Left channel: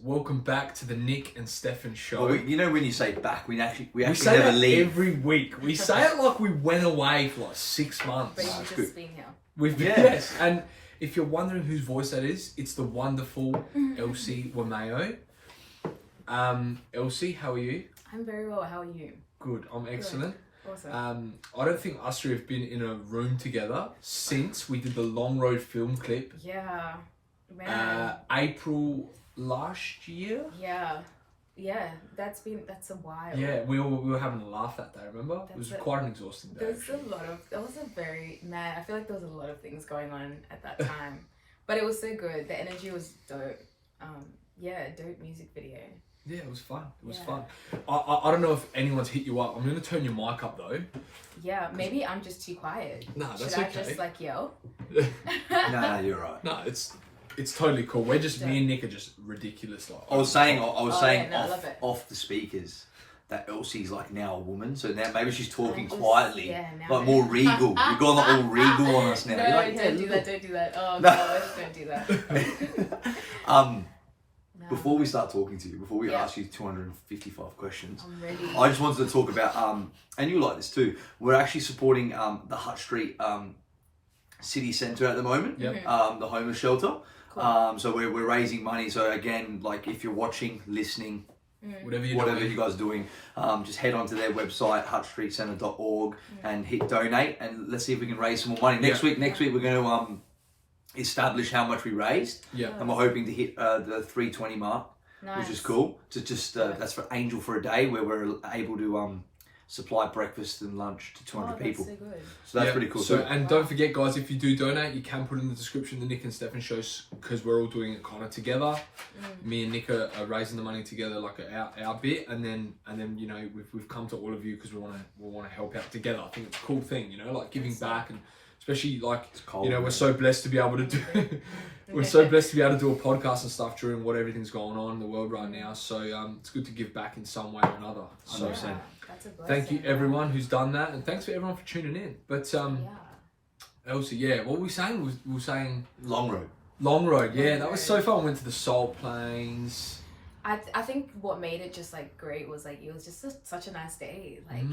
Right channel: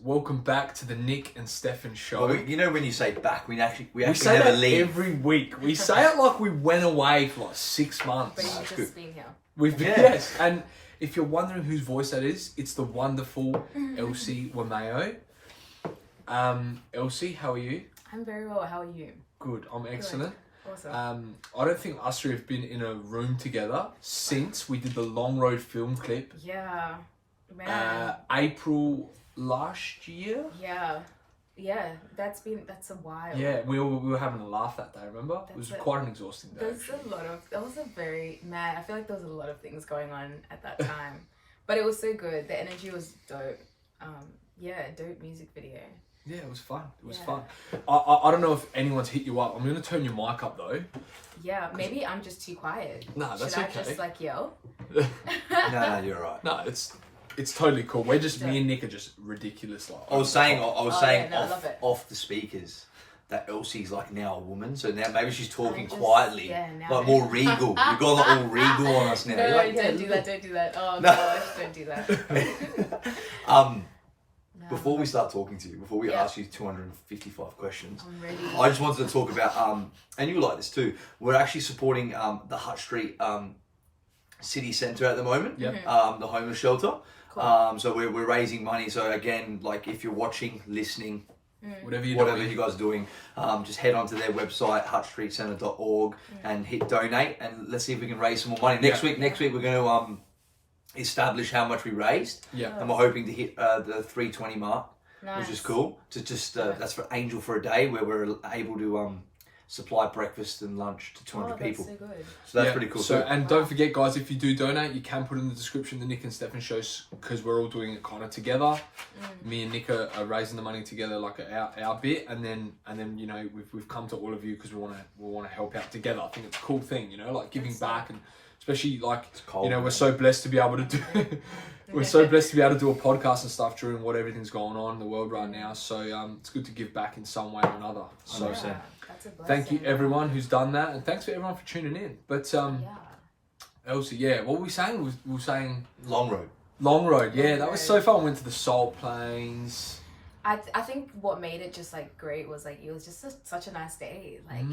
Welcome back to the Nick and Stefan show. Well, you know when you say back, we actually say never that leave. every week. We say it like we went away for like 6 months. But you've just been here. Yes, and if you're wondering whose voice that is, it's the wonderful Elsy Wameyo. Elsy, how are you? I'm very well. How are you? Good, I'm excellent. Awesome. I don't think us three have been in a room together since we did the Long Road film clip. Yeah. Man. April last year. Yeah. That's a while. Yeah, we were having a laugh that day. Remember? It was quite an exhausting day. That was a very man. I feel like there was a lot of things going on at that time, but it was so good. The energy was dope. Dope music video. Yeah, it was fun. It was fun. I don't know if anyone's hit you up. I'm going to turn your mic up though. Yeah, maybe I'm just too quiet. No, that's Should okay. I just like yell? No, you're right. No, it's totally cool. We're just me and Nick are just ridiculous. Like I was saying I love it. off the speakers that Elsie's like now a woman, so now maybe she's talking just- quietly, yeah, now like maybe. more regal. You've gone like all regal on us now. No, You're like, don't do that. Don't do that. Oh gosh, don't do that. Before we start talking to you, before we ask you 255 questions, I'm ready. I just wanted to talk about, and you like this too, we're actually supporting the Hutt Street City Centre at the moment, Yep. the homeless shelter. Cool. So we're raising money. So again, like if you're watching, listening, whatever you guys are doing, just head onto their website, huttstreetcentre.org, and hit donate, and let's see if we can raise some more money. Next week we're going to establish how much we raised. Yeah. And we're hoping to hit the 320 mark, Nice. which is cool. To just that's for Angel for a Day, where we're able to supply breakfast and lunch to 200 people. That's so good. So that's pretty cool. So and don't forget, guys, if you do donate, you can put in the description the Nick and Stefan shows, because we're all doing it kind of together. Me and Nick are raising the money together, like our bit, and then you know we've come to all of you because we want to help out together. I think it's a cool thing, you know, like giving back, and especially like you know we're so blessed to be able to do. We're so blessed to be able to do a podcast and stuff during what everything's going on in the world right now. So it's good to give back in some way or another. So That's a blessing. thank you everyone who's done that, and thanks for everyone for tuning in. But Elsie, what were we saying? We were saying Long Road. Long Road. Yeah, Long that was Road. so fun. We went to the Salt Plains. I think what made it just like great was like it was just such a nice day. Like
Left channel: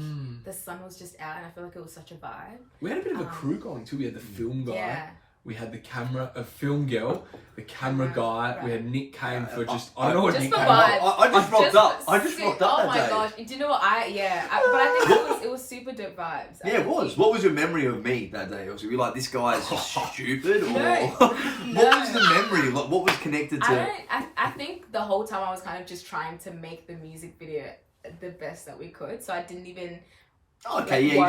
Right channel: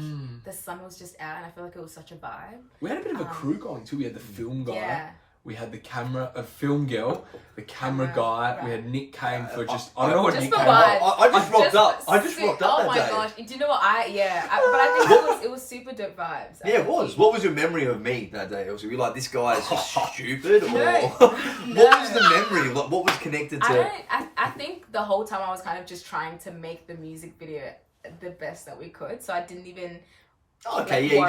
the sun was just out, and I feel like it was such a vibe. We had a bit of a crew going too. We had the film guy. Yeah. We had the film girl, the camera guy. right. We had Nick came for just I don't know what Just Nick for came vibes. I just rocked up. I just rocked up Oh that my day. gosh! Do you know what but I think it was super dope vibes. Yeah, it was. What was your memory of me that day, Elsie? Were you like, this guy is just stupid? Or No. what was the memory? Like, what was connected to... I think the whole time I was kind of just trying to make the music video the best that we could, so I didn't even you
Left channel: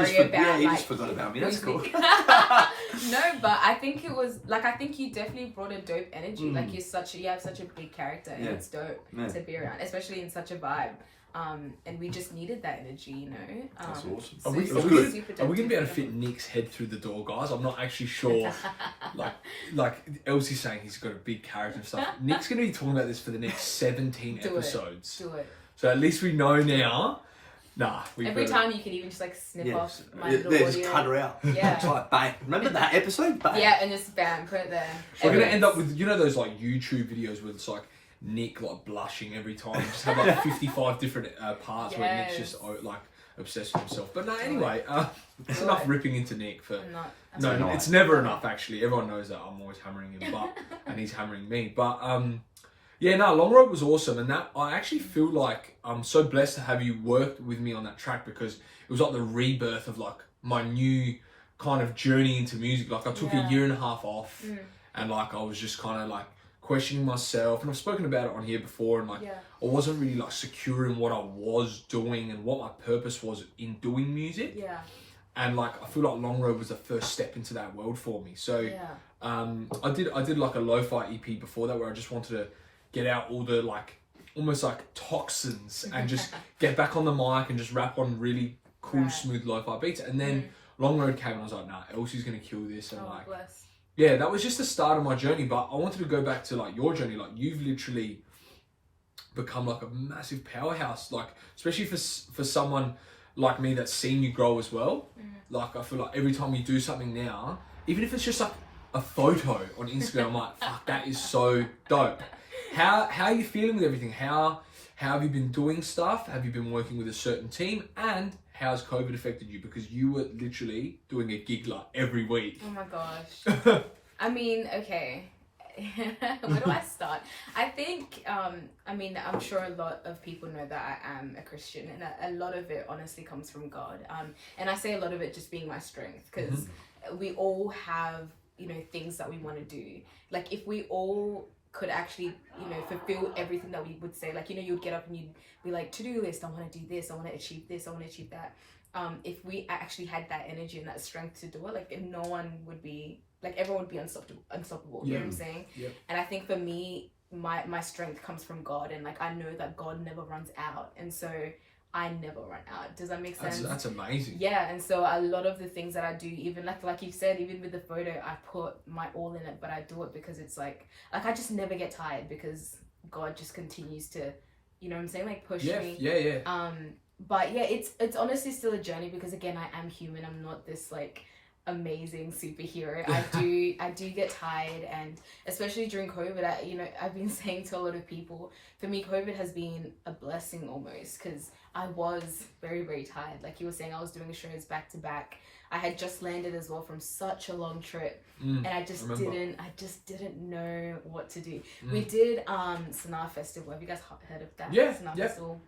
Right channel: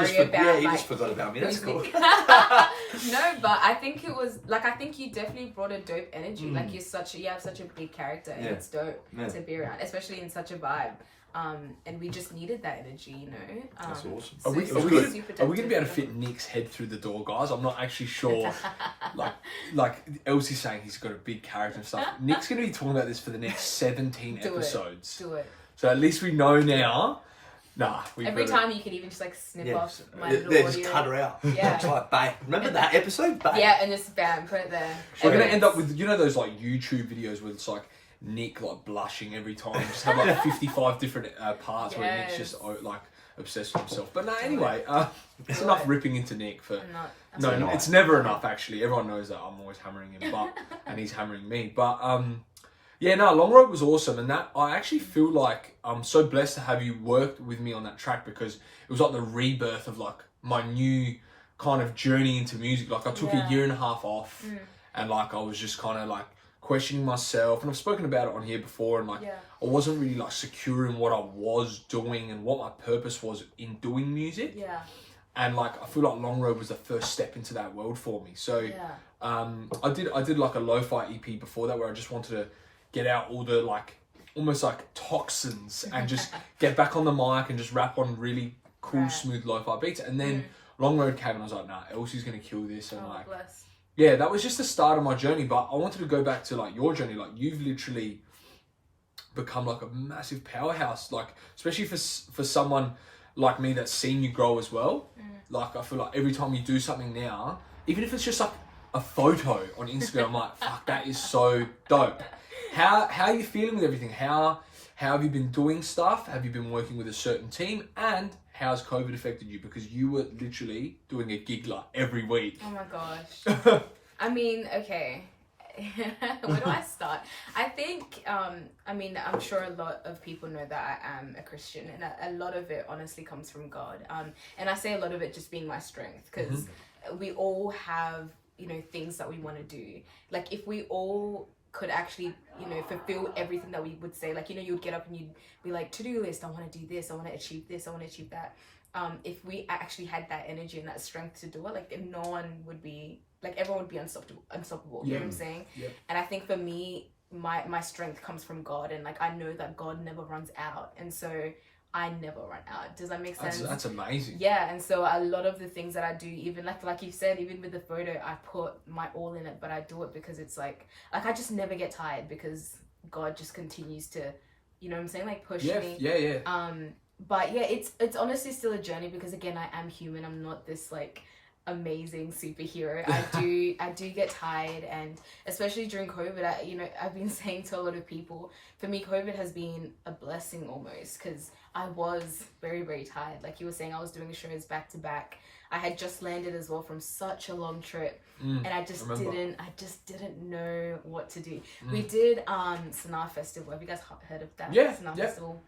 just forgot about me. That's cool. No, but I think it was like I think you definitely brought a dope energy. Like you have such a big character, and it's dope to be around, especially in such a vibe. And we just needed that energy, you know. That's awesome. Are we going to be able to fit Nick's head through the door, guys? I'm not actually sure. like Elsie's saying he's got a big character and stuff. Nick's going to be talking about this for the next 17 episodes. Do it. So at least we know now. Nah. Every time you can even just like snip off my little Yeah, audio. just cut her out. Yeah. It's like, bang. Remember that episode? Bang. Yeah, and just bam, put it there. We're going to end up with, you know, those like YouTube videos where it's like Nick like blushing every time. Just have like 55 different parts where Nick's just like obsessed with himself. But no, anyway, it's enough ripping into Nick for... No, it's never enough actually. Everyone knows that I'm always hammering him, and he's hammering me. But Long Road was awesome, and that I actually feel like I'm so blessed to have you worked with me on that track, because it was like the rebirth of like my new kind of journey into music. Like I took a year and a half off, and like I was just kind of like questioning myself, and I've spoken about it on here before, and like I wasn't really like secure in what I was doing and what my purpose was in doing music. Yeah. And like I feel like Long Road was the first step into that world for me. So I did like a lo-fi EP before that, where I just wanted to get out all the like almost like toxins and just get back on the mic and just rap on really cool smooth lo-fi beats. And then Long Road came, and I was like, nah, Elsie's gonna kill this. And yeah, that was just the start of my journey. But I wanted to go back to like your journey. Like you've literally become like a massive powerhouse, like especially for someone like me that's seen you grow as well. Like I feel like every time you do something now, even if it's just like a photo on Instagram, I'm like, fuck, that is so dope. How are you feeling with everything? How have you been doing stuff? Have you been working with a certain team? And how's COVID affected you? Because you were literally doing a gig like every week. Oh my gosh. I mean, okay. Where do I start? I think, I mean, I'm sure a lot of people know that I am a Christian, and a lot of it honestly comes from God. And I say a lot of it just being my strength, because we all have, you know, things that we want to do. Like, if we all could actually, you know, fulfill everything that we would say, like, you know, you'd get up and you'd be like, to-do list, I want to do this, I want to achieve this, I want to achieve that. If we actually had that energy and that strength to do it, like, no one would be, like, everyone would be unstoppable, you know what I'm saying? Yeah. And I think for me, my strength comes from God, and like, I know that God never runs out, and so I never run out. Does that make sense? That's amazing. Yeah, and so a lot of the things that I do, even like you said, even with the photo, I put my all in it, but I do it because it's like I just never get tired, because God just continues to, you know what I'm saying, like, push me. Yeah. But yeah, it's honestly still a journey, because again, I am human. I'm not this like amazing superhero. I do get tired, and especially during COVID, I've been saying to a lot of people, for me, COVID has been a blessing almost, because I was very, very tired. Like you were saying, I was doing shows back to back. I had just landed as well from such a long trip, and I just didn't know what to do. We did Sanaa Festival. Have you guys heard of that? Yeah. Sanaa Festival.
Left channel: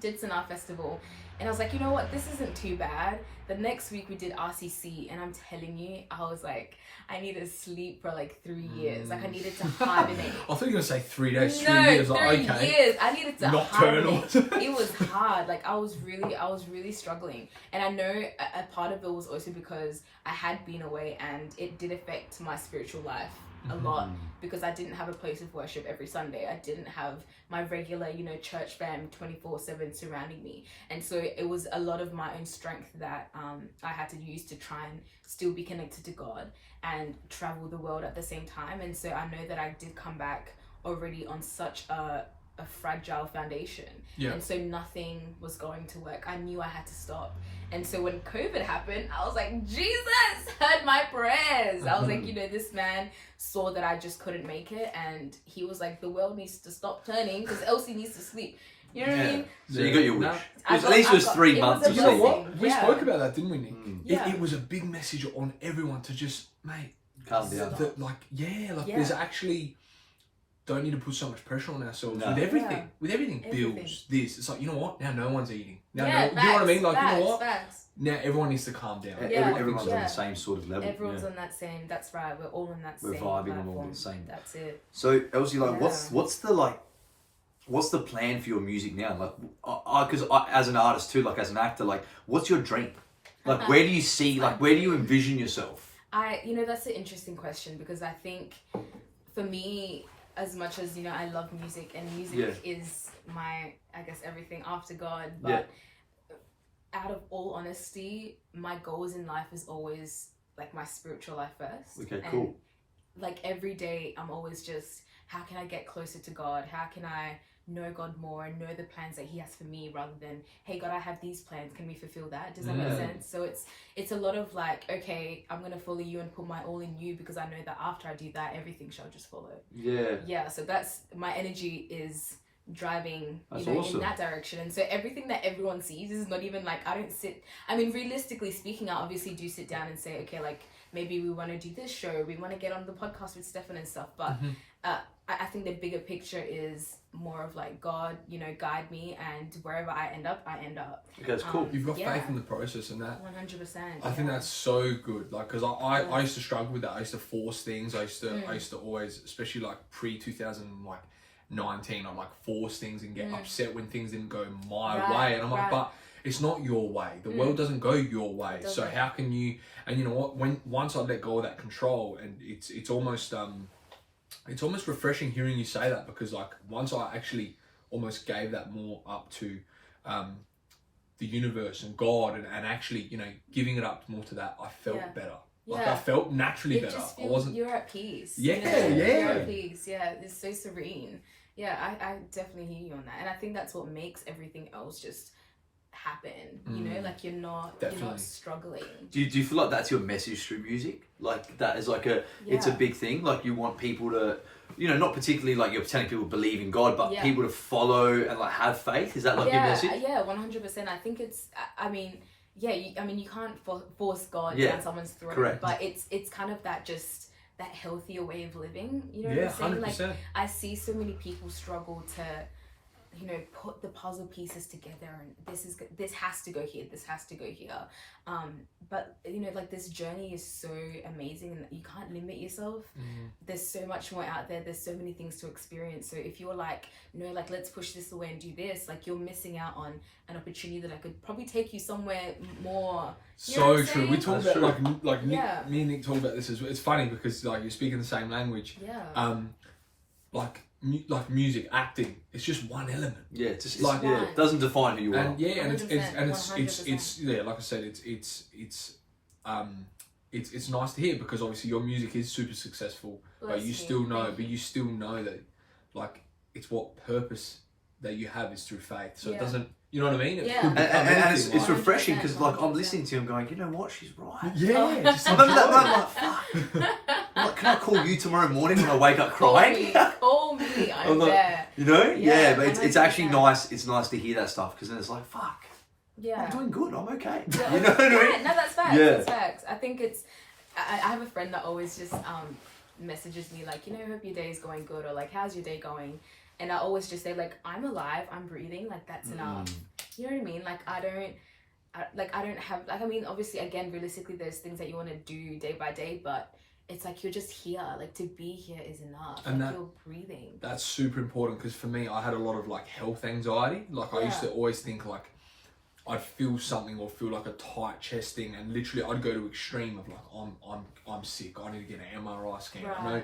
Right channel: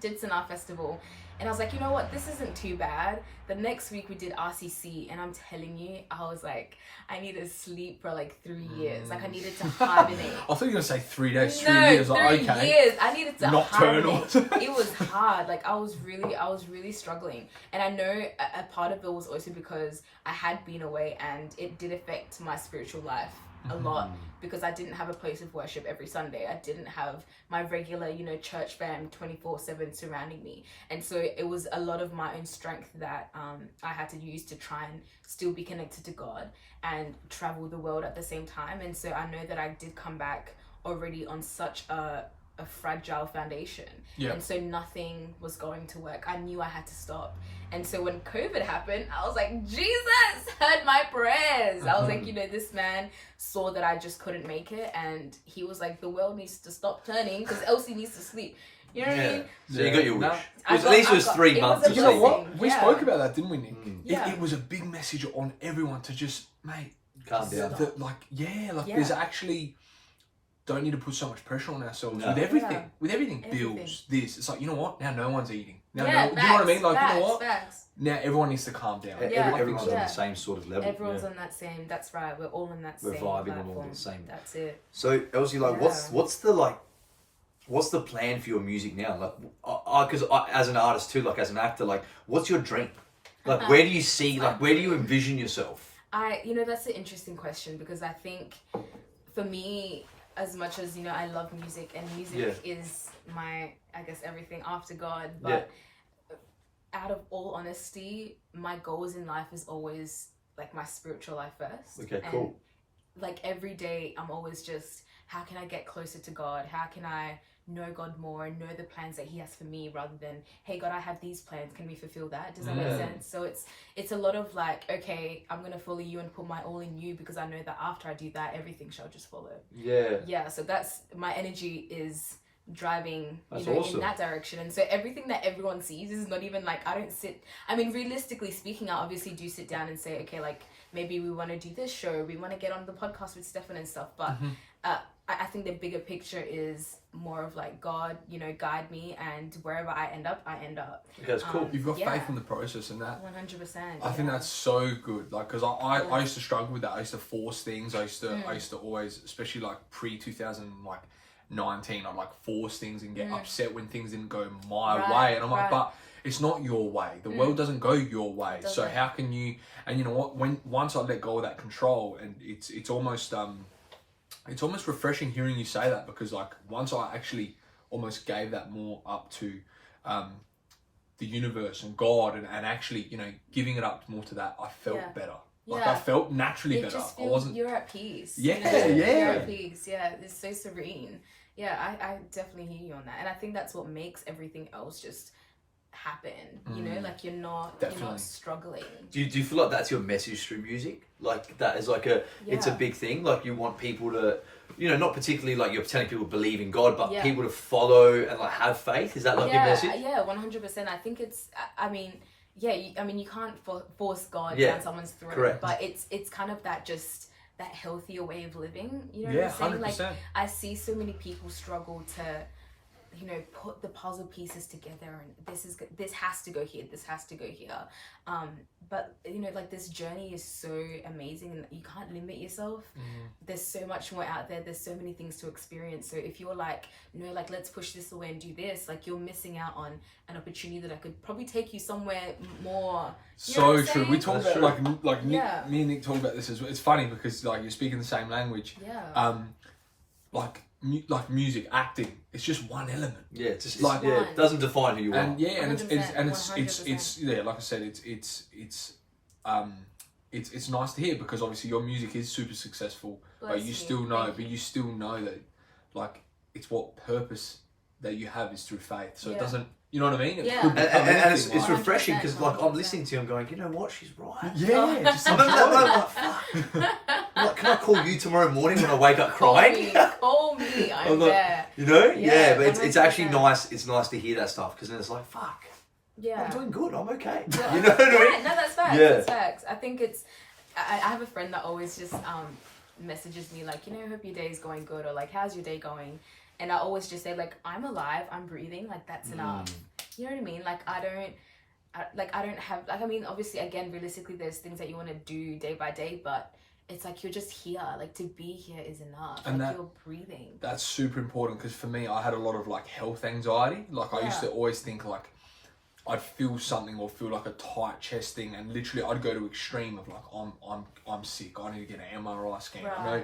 Did Sanaa Festival, and I was like, you know what, this isn't too bad. The next week we did RCC, and I'm telling you, I was like, I need to sleep for like 3 years. Like, I needed to hibernate. I thought you were gonna say 3 days. No, 3 years. 3 Like, okay. years. I needed to Nocturnal. hibernate. It was hard. Like, I was really struggling, and I know a part of it was also because I had been away, and it did affect my spiritual life a lot, because I didn't have a place of worship every Sunday. I didn't have my regular, you know, church fam 24/7 surrounding me, and so it was a lot of my own strength that I had to use to try and still be connected to God and travel the world at the same time. And so I know that I did come back already on such a fragile foundation, and so nothing was going to work. I knew I had to stop. And so when COVID happened, I was like, Jesus heard my prayers. I was like, you know, this man saw that I just couldn't make it, and he was like, the world needs to stop turning because Elsy needs to sleep. You know what I mean? So you got your wish. I At least it was 3 it was months. a You know what? blessing. We Yeah. spoke about that, didn't we, Nick? Yeah. It was a big message on everyone to just, mate, Calm down. There's actually, don't need to put so much pressure on ourselves No. with everything. Yeah. With everything, Everything. bills, this. It's like, you know what? Now no one's eating. Now, Yeah, do you know what I mean? Like, facts, you know what? Facts. Now everyone needs to calm down. Yeah. Everyone's on Yeah. the same sort of level. Everyone's on that same. That's right. We're all on that We're same vibing platform. on all the same. That's it. So Elsy, like, Yeah. what's the plan for your music now? Like, because as an artist too, like as an actor, like, what's your dream? Like, where do you see? Like, where do you envision yourself? That's an interesting question, because I think for me, as much as, you know, I love music, and music is my, I guess, everything after God, but out of all honesty, my goals in life is always like my spiritual life first. Okay, and, cool. like, every day I'm always just, how can I get closer to God? How can I know God more and know the plans that He has for me, rather than, hey God, I have these plans, can we fulfill that? Does that make sense? So it's a lot of like, okay, I'm gonna follow you and put my all in you, because I know that after I do that, everything shall just follow. Yeah, so that's my energy is driving, That's in awesome. that direction. And so everything that everyone sees is not even like, I mean, realistically speaking, I obviously do sit down and say, okay, like, maybe we want to do this show, we want to get on the podcast with Stefan and stuff, but I think the bigger picture is more of like, God, you know, guide me, and wherever I end up, I end up. Okay, that's cool. You've got faith in the process, and that 100%. I think that's so good. Like, because I used to struggle with that. I used to force things. I used to always, especially like pre 2019, I'm like force things and get upset when things didn't go my way, and I'm like, but it's not your way. The world doesn't go your way. So how can you? And you know what? Once I let go of that control, and it's almost refreshing hearing you say that, because like once I actually almost gave that more up to the universe and God, and actually, you know, giving it up more to that, I felt better. Like, I felt naturally better. Just I wasn't. You're at peace. Yeah, you know? yeah. You're at peace. Yeah, it's so serene. Yeah, I definitely hear you on that, and I think that's what makes everything else just happen. You know, like you're not struggling. Do you feel like that's your message through music? Like that is like it's a big thing. Like you want people to, you know, not particularly like you're telling people to believe in God, but people to follow and like have faith. Is that like your message? Yeah, 100%. I think it's. I mean, you can't force God down someone's throat. Correct. But it's kind of that that healthier way of living. You know what I'm saying? 100%. Like I see so many people struggle to, you know, put the puzzle pieces together, and this has to go here, this has to go here. But you know, like this journey is so amazing, and you can't limit yourself. There's so much more out there. There's so many things to experience. So if you're like, no, like let's push this away and do this, like you're missing out on an opportunity that I could probably take you somewhere more. So true. We talk about like Nick, me and Nick talk about this as well. It's funny because like you're speaking the same language. Yeah. Like music, acting, it's just one element. Yeah, it's just like it doesn't define who you are. And it's like I said, it's nice to hear because obviously your music is super successful. But you still know that like it's what purpose that you have is through faith. So it doesn't, you know what I mean? And it's refreshing because like I'm listening to you and going, you know what, she's right. Yeah, just I'm like, fuck. Like, can I call you tomorrow morning when I wake up crying? Call me, I'm there. You know? Yeah, but it's actually nice. It's nice to hear that stuff because then it's like, fuck. Yeah. I'm doing good. I'm okay. Yeah. You know what I mean? Yeah, no, that's facts. Yeah. That's facts. I think it's. I have a friend that always just messages me like, you know, hope your day is going good, or like, how's your day going? And I always just say like, I'm alive, I'm breathing, like that's enough. You know what I mean? Like I don't have like, I mean, obviously again, realistically, there's things that you want to do day by day, but it's like you're just here. Like to be here is enough. And like you're breathing. That's super important because for me, I had a lot of like health anxiety. Like I used to always think like I'd feel something or feel like a tight chest thing, and literally I'd go to extreme of like I'm sick. I need to get an MRI scan. Right. You know,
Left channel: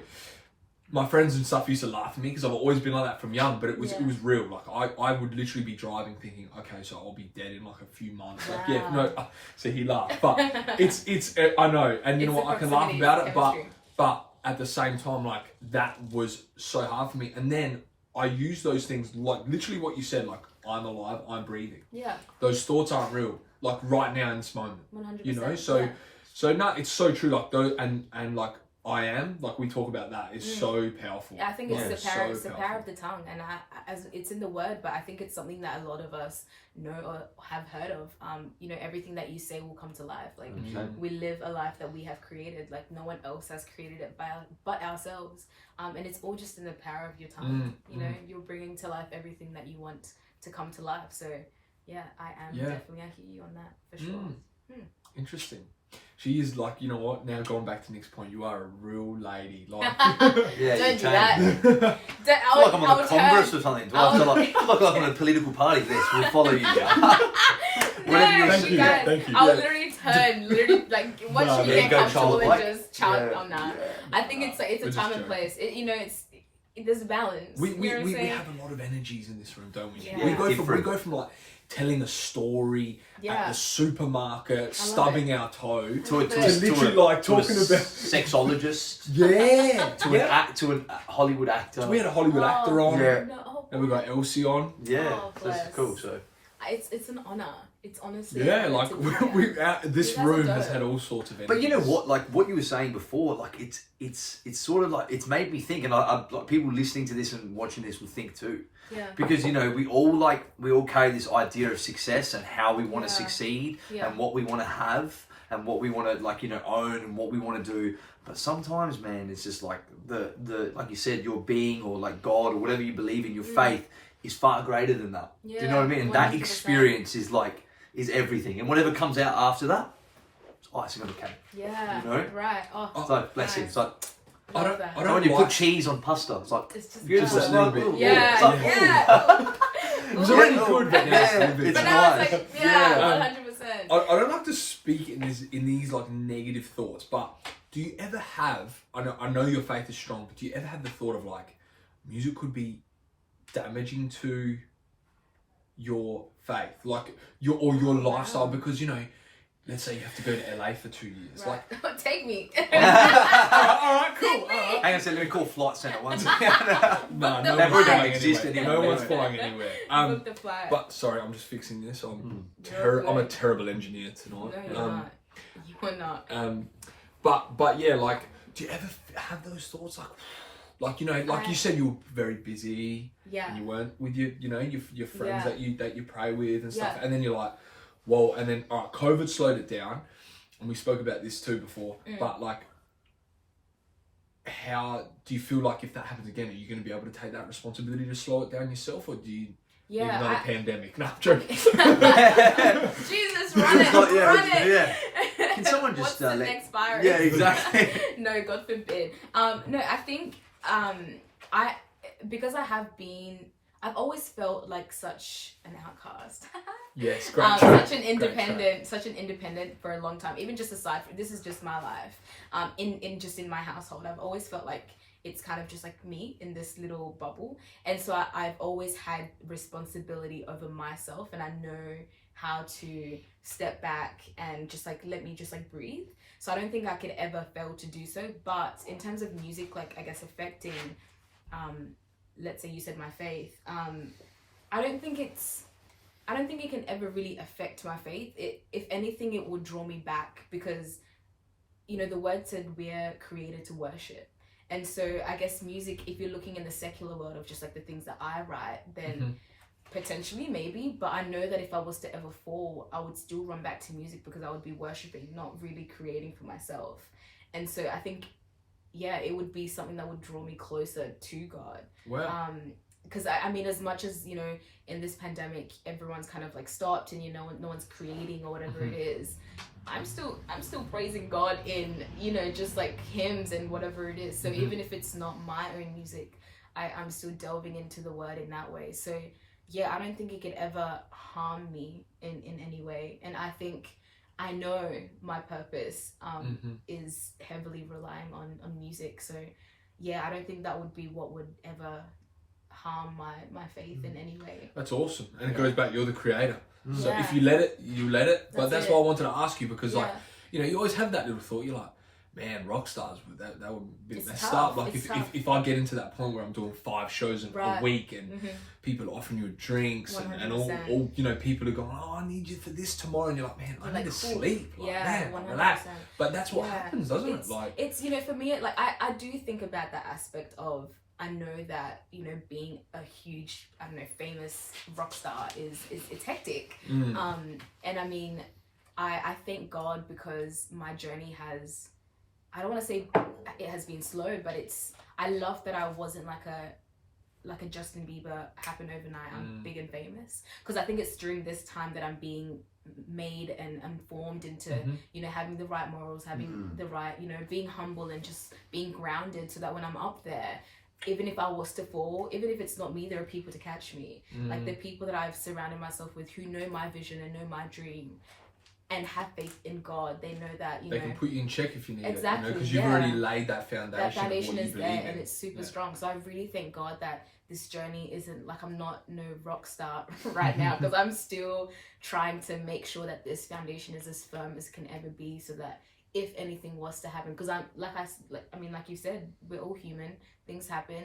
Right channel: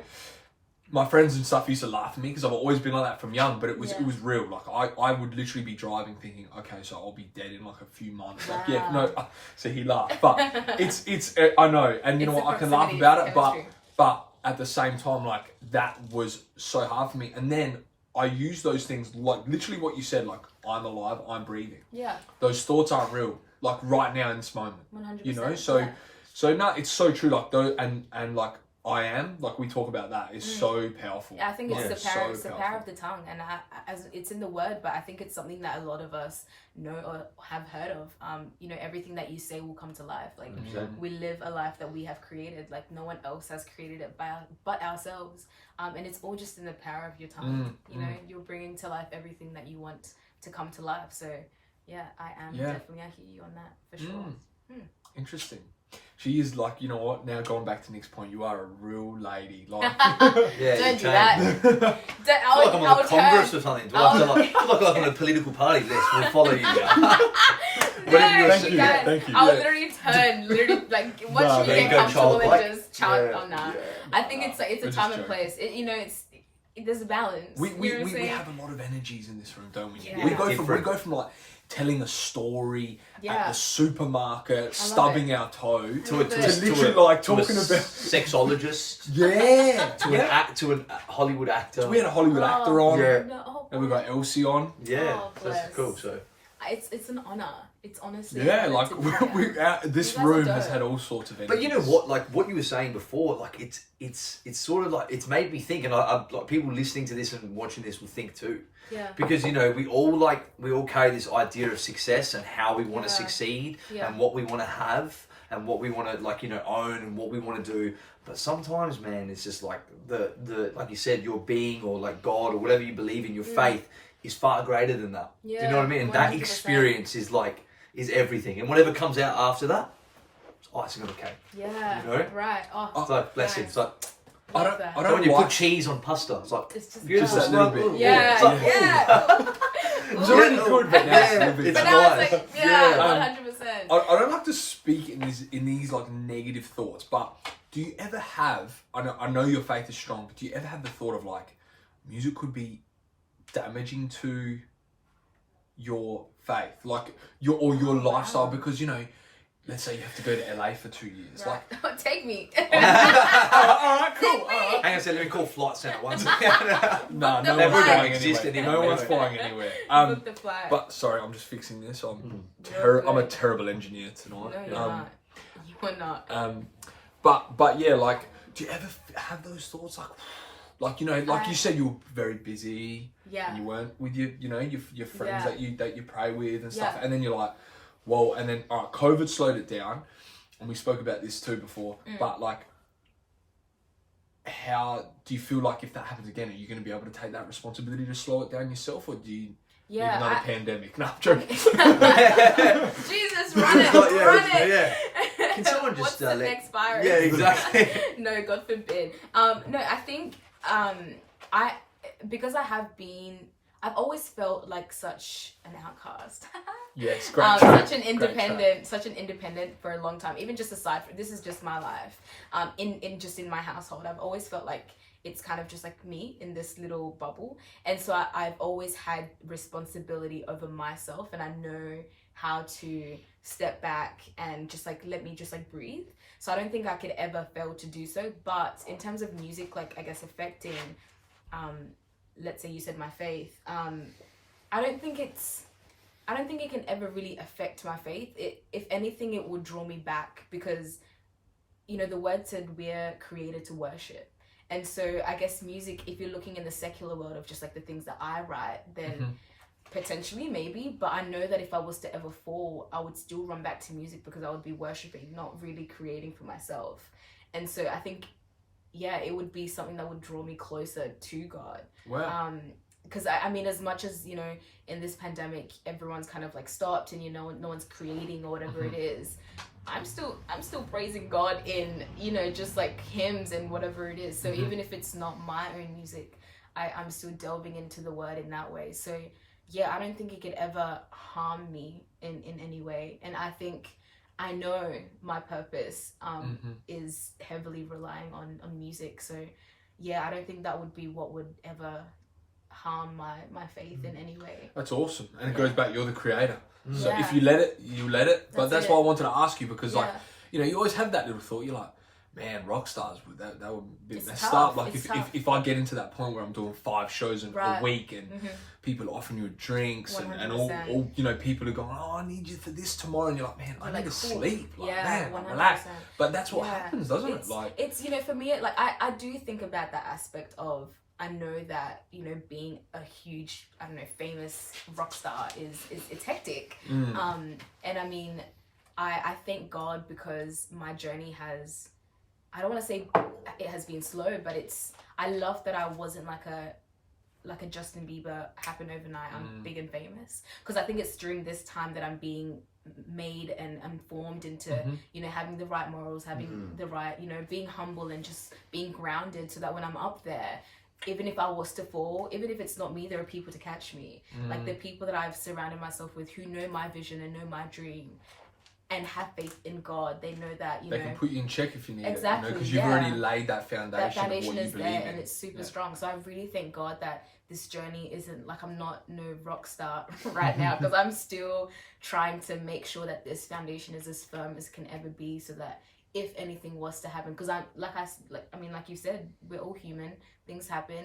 my friends and stuff used to laugh at me because I've always been like that from young, but it was real. Like I would literally be driving thinking, okay, so I'll be dead in like a few months. Wow. Like no, so he laughed, but it's I know, and you know what, I can laugh about it, but at the same time, like that was so hard for me. And then I use those things like literally what you said, like I'm alive, I'm breathing. Yeah. Those thoughts aren't real. Like right now in this moment. 100%. You know, so no, it's so true. Like though, and like I am, like we talk about that is so powerful. I think it's the power of the tongue, and as it's in the word, but I think it's something that a lot of us know or have heard of. You know, everything that you say will come to life. Like we live a life that we have created. Like no one else has created it but ourselves. And it's all just in the power of your tongue. You know, you're bringing to life everything that you want to come to life. So yeah, I am definitely. I hear you on that for sure. Interesting. She is like, you know what? Now going back to Nick's point, you are a real lady. Like, don't do that. I feel like I'm on a Congress or something. Do I feel like I'm on a political party list? We'll follow you. Thank you. I'll literally turn, like once you get comfortable and just chant on that. I think it's a time and place. You know, there's a balance. We you know what I'm saying? have a lot of energies in this room, don't we? Yeah. We go from like telling a story at the supermarket, stubbing our toe, to literally like talking about sexologist. To a Hollywood actor. So we had a Hollywood actor on. And we got Elsy on. That's cool. So it's an honor. It's honestly like this room has had all sorts of energies. But you know what? Like what you were saying before, like it's sort of like it's made me think, and I like people listening to this and watching this will think too. Yeah. Because you know we all carry this idea of success and how we want to succeed and what we want to have and what we want to like own and what we want to do. But sometimes, man, it's just like the like you said, your being or like God or whatever you believe in, your faith is far greater than that. Yeah, do you know what I mean? And 100%. That experience is everything, and whatever comes out after that, it's icing on the cake. Yeah. You know? Right. Oh. It's like blessing. It's like. I don't so when you put cheese on pasta, it's like it's just beautiful. Just a little bit. It's already good, but now it's nice. Like, 100%. I don't like to speak in these like negative thoughts, but do you ever have? I know your faith is strong, but do you ever have the thought of like music could be damaging to your faith, like your lifestyle, because let's say you have to go to LA for 2 years. Right. Like, Take me. all right, cool. Take me. Hang on a second, let me call Flight Centre once. No, Book no the one's flight. flying Exist anywhere. anymore. No one's flying anywhere. Book the flight. But sorry, I'm just fixing this. I'm You're I'm a good. terrible engineer tonight. No, you're not. You are not. But yeah, like, do you ever have those thoughts, like you know, like you said, you were very busy. Yeah. And you weren't with your friends that you pray with and stuff, Yeah. and then you're like, well, and then all right, COVID slowed it down, and we spoke about this too before. But like, how do you feel like if that happens again, are you going to be able to take that responsibility to slow it down yourself, or do you? Need another pandemic. No, I'm joking. Jesus, run it, run it. Yeah. Can someone just What's the next virus? Yeah, exactly. No, God forbid. No, I think because I've always felt like such an outcast. Yes, great. Such an independent for a long time. Even just aside from this is just my life. In my household, I've always felt like it's kind of just like me in this little bubble, and so I've always had responsibility over myself, and I know how to step back and just like let me just like breathe. So I don't think I could ever fail to do so. But in terms of music, like I guess affecting, let's say you said my faith, I don't think it can ever really affect my faith. If anything, it would draw me back, because you know the word said we're created to worship. And so I guess music, if you're looking in the secular world of just like the things that I write, then potentially maybe, but I know that if I was to ever fall, I would still run back to music, because I would be worshiping, not really creating for myself. And so I think, yeah, it would be something that would draw me closer to God. Wow. Because I mean, as much as, you know, in this pandemic, everyone's kind of like stopped and, you know, no one's creating or whatever it is, I'm still praising God in, you know, just like hymns and whatever it is. So even if it's not my own music, I'm still delving into the word in that way. So yeah, I don't think it could ever harm me in any way. And I think I know my purpose is heavily relying on music. So yeah, I don't think that would be what would ever harm my faith in any way. That's awesome. And it goes back, you're the creator. So Yeah. if you let it, you let it. But that's That's why I it. wanted to ask you, because like, Yeah. you know, you always have that little thought. You're like, man, rock stars, that would be It's messed tough. up. Like It's if tough. if I get into that point where I'm doing 5 shows a Right. week and people offering you drinks and all 100%. you know, people are going, oh, I need you for this tomorrow, and you're like, man, I You're need like, to cool. sleep. Like, Yeah, man, 100%. relax. But that's what Yeah. happens, doesn't it? Like, it's, you know, for me, like I do think about that aspect of, I know that, you know, being a huge, I don't know, famous rock star is it's hectic. And I mean, I thank God, because my journey has, I don't want to say it has been slow, but I love that I wasn't like a Justin Bieber, happened overnight, I'm big and famous. Because I think it's during this time that I'm being made and formed into, you know, having the right morals, having the right, you know, being humble and just being grounded, so that when I'm up there, even if I was to fall, even if it's not me, there are people to catch me. Like the people that I've surrounded myself with who know my vision and know my dream and have faith in God. They know that, they can put you in check if you need Exactly, it. Because you've already laid that foundation. that foundation of what is you there believe in. and it's super strong. So I really thank God that this journey isn't like, I'm not no rock star right now, because I'm still trying to make sure that this foundation is as firm as can ever be, so that if anything was to happen, because I'm like you said, we're all human, things happen.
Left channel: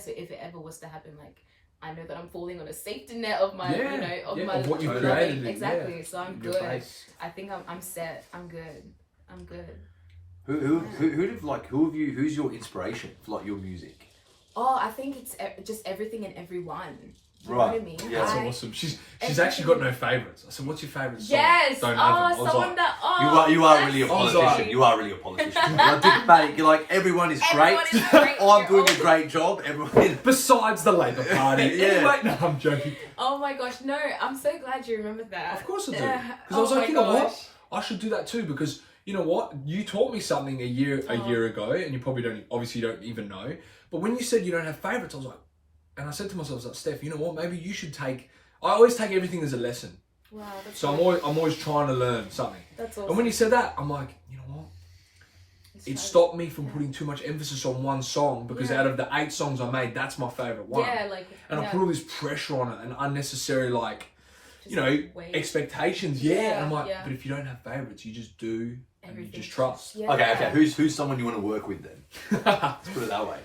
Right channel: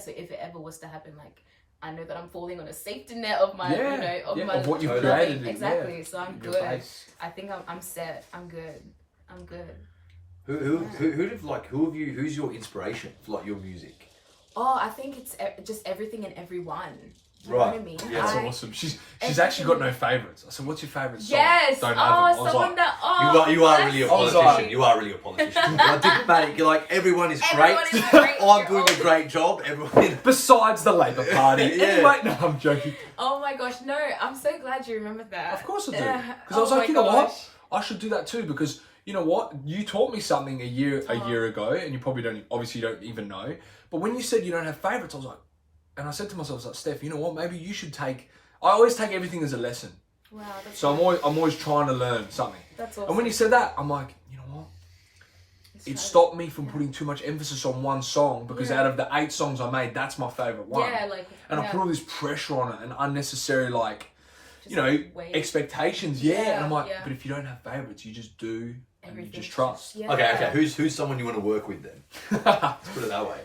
So if it ever was to happen, like, I know that I'm falling on a safety net of my, you know, of my of what you've loving. created. Exactly. Yeah. So I'm Your good. face. I think I'm set. I'm good. Who's your inspiration for like your music? Oh, I think it's just everything and everyone. You know Right. what I mean? Yeah. That's awesome. She's actually got no favourites. I said, what's your favourite song? Yes. Don't have them. I was someone like, that. You are really a that's politician. sweet. You are really a politician. You're like diplomatic. You're like, everyone is great. Everyone is great. I'm You're doing all- a great job. Everyone. besides the Labour Party. Yeah. Anyway, no, I'm joking. Oh my gosh, no! I'm so glad you remembered that. Of course I do. Yeah. Because I was Oh like, my you know what? gosh. I should do that too, because you know what? You taught me something a year ago, and you probably obviously don't even know. But when you said you don't have favourites, I was like, and I said to myself, I was like, Steph, you know what? Maybe you should take. I always take everything as a lesson. Wow, that's So nice. I'm always trying to learn something. That's awesome. And when you said that, I'm like, you know what? It's It right. stopped me from putting too much emphasis on one song, because Yeah. out of the 8 songs I made, that's my favourite one. Yeah, like And I put all this pressure on it and unnecessary, like, you know, wait. expectations. Yeah. And I'm like, but if you don't have favourites, you just do everything. And you just trust. Yeah. Okay. Who's someone you want to work with then? Let's put it that way.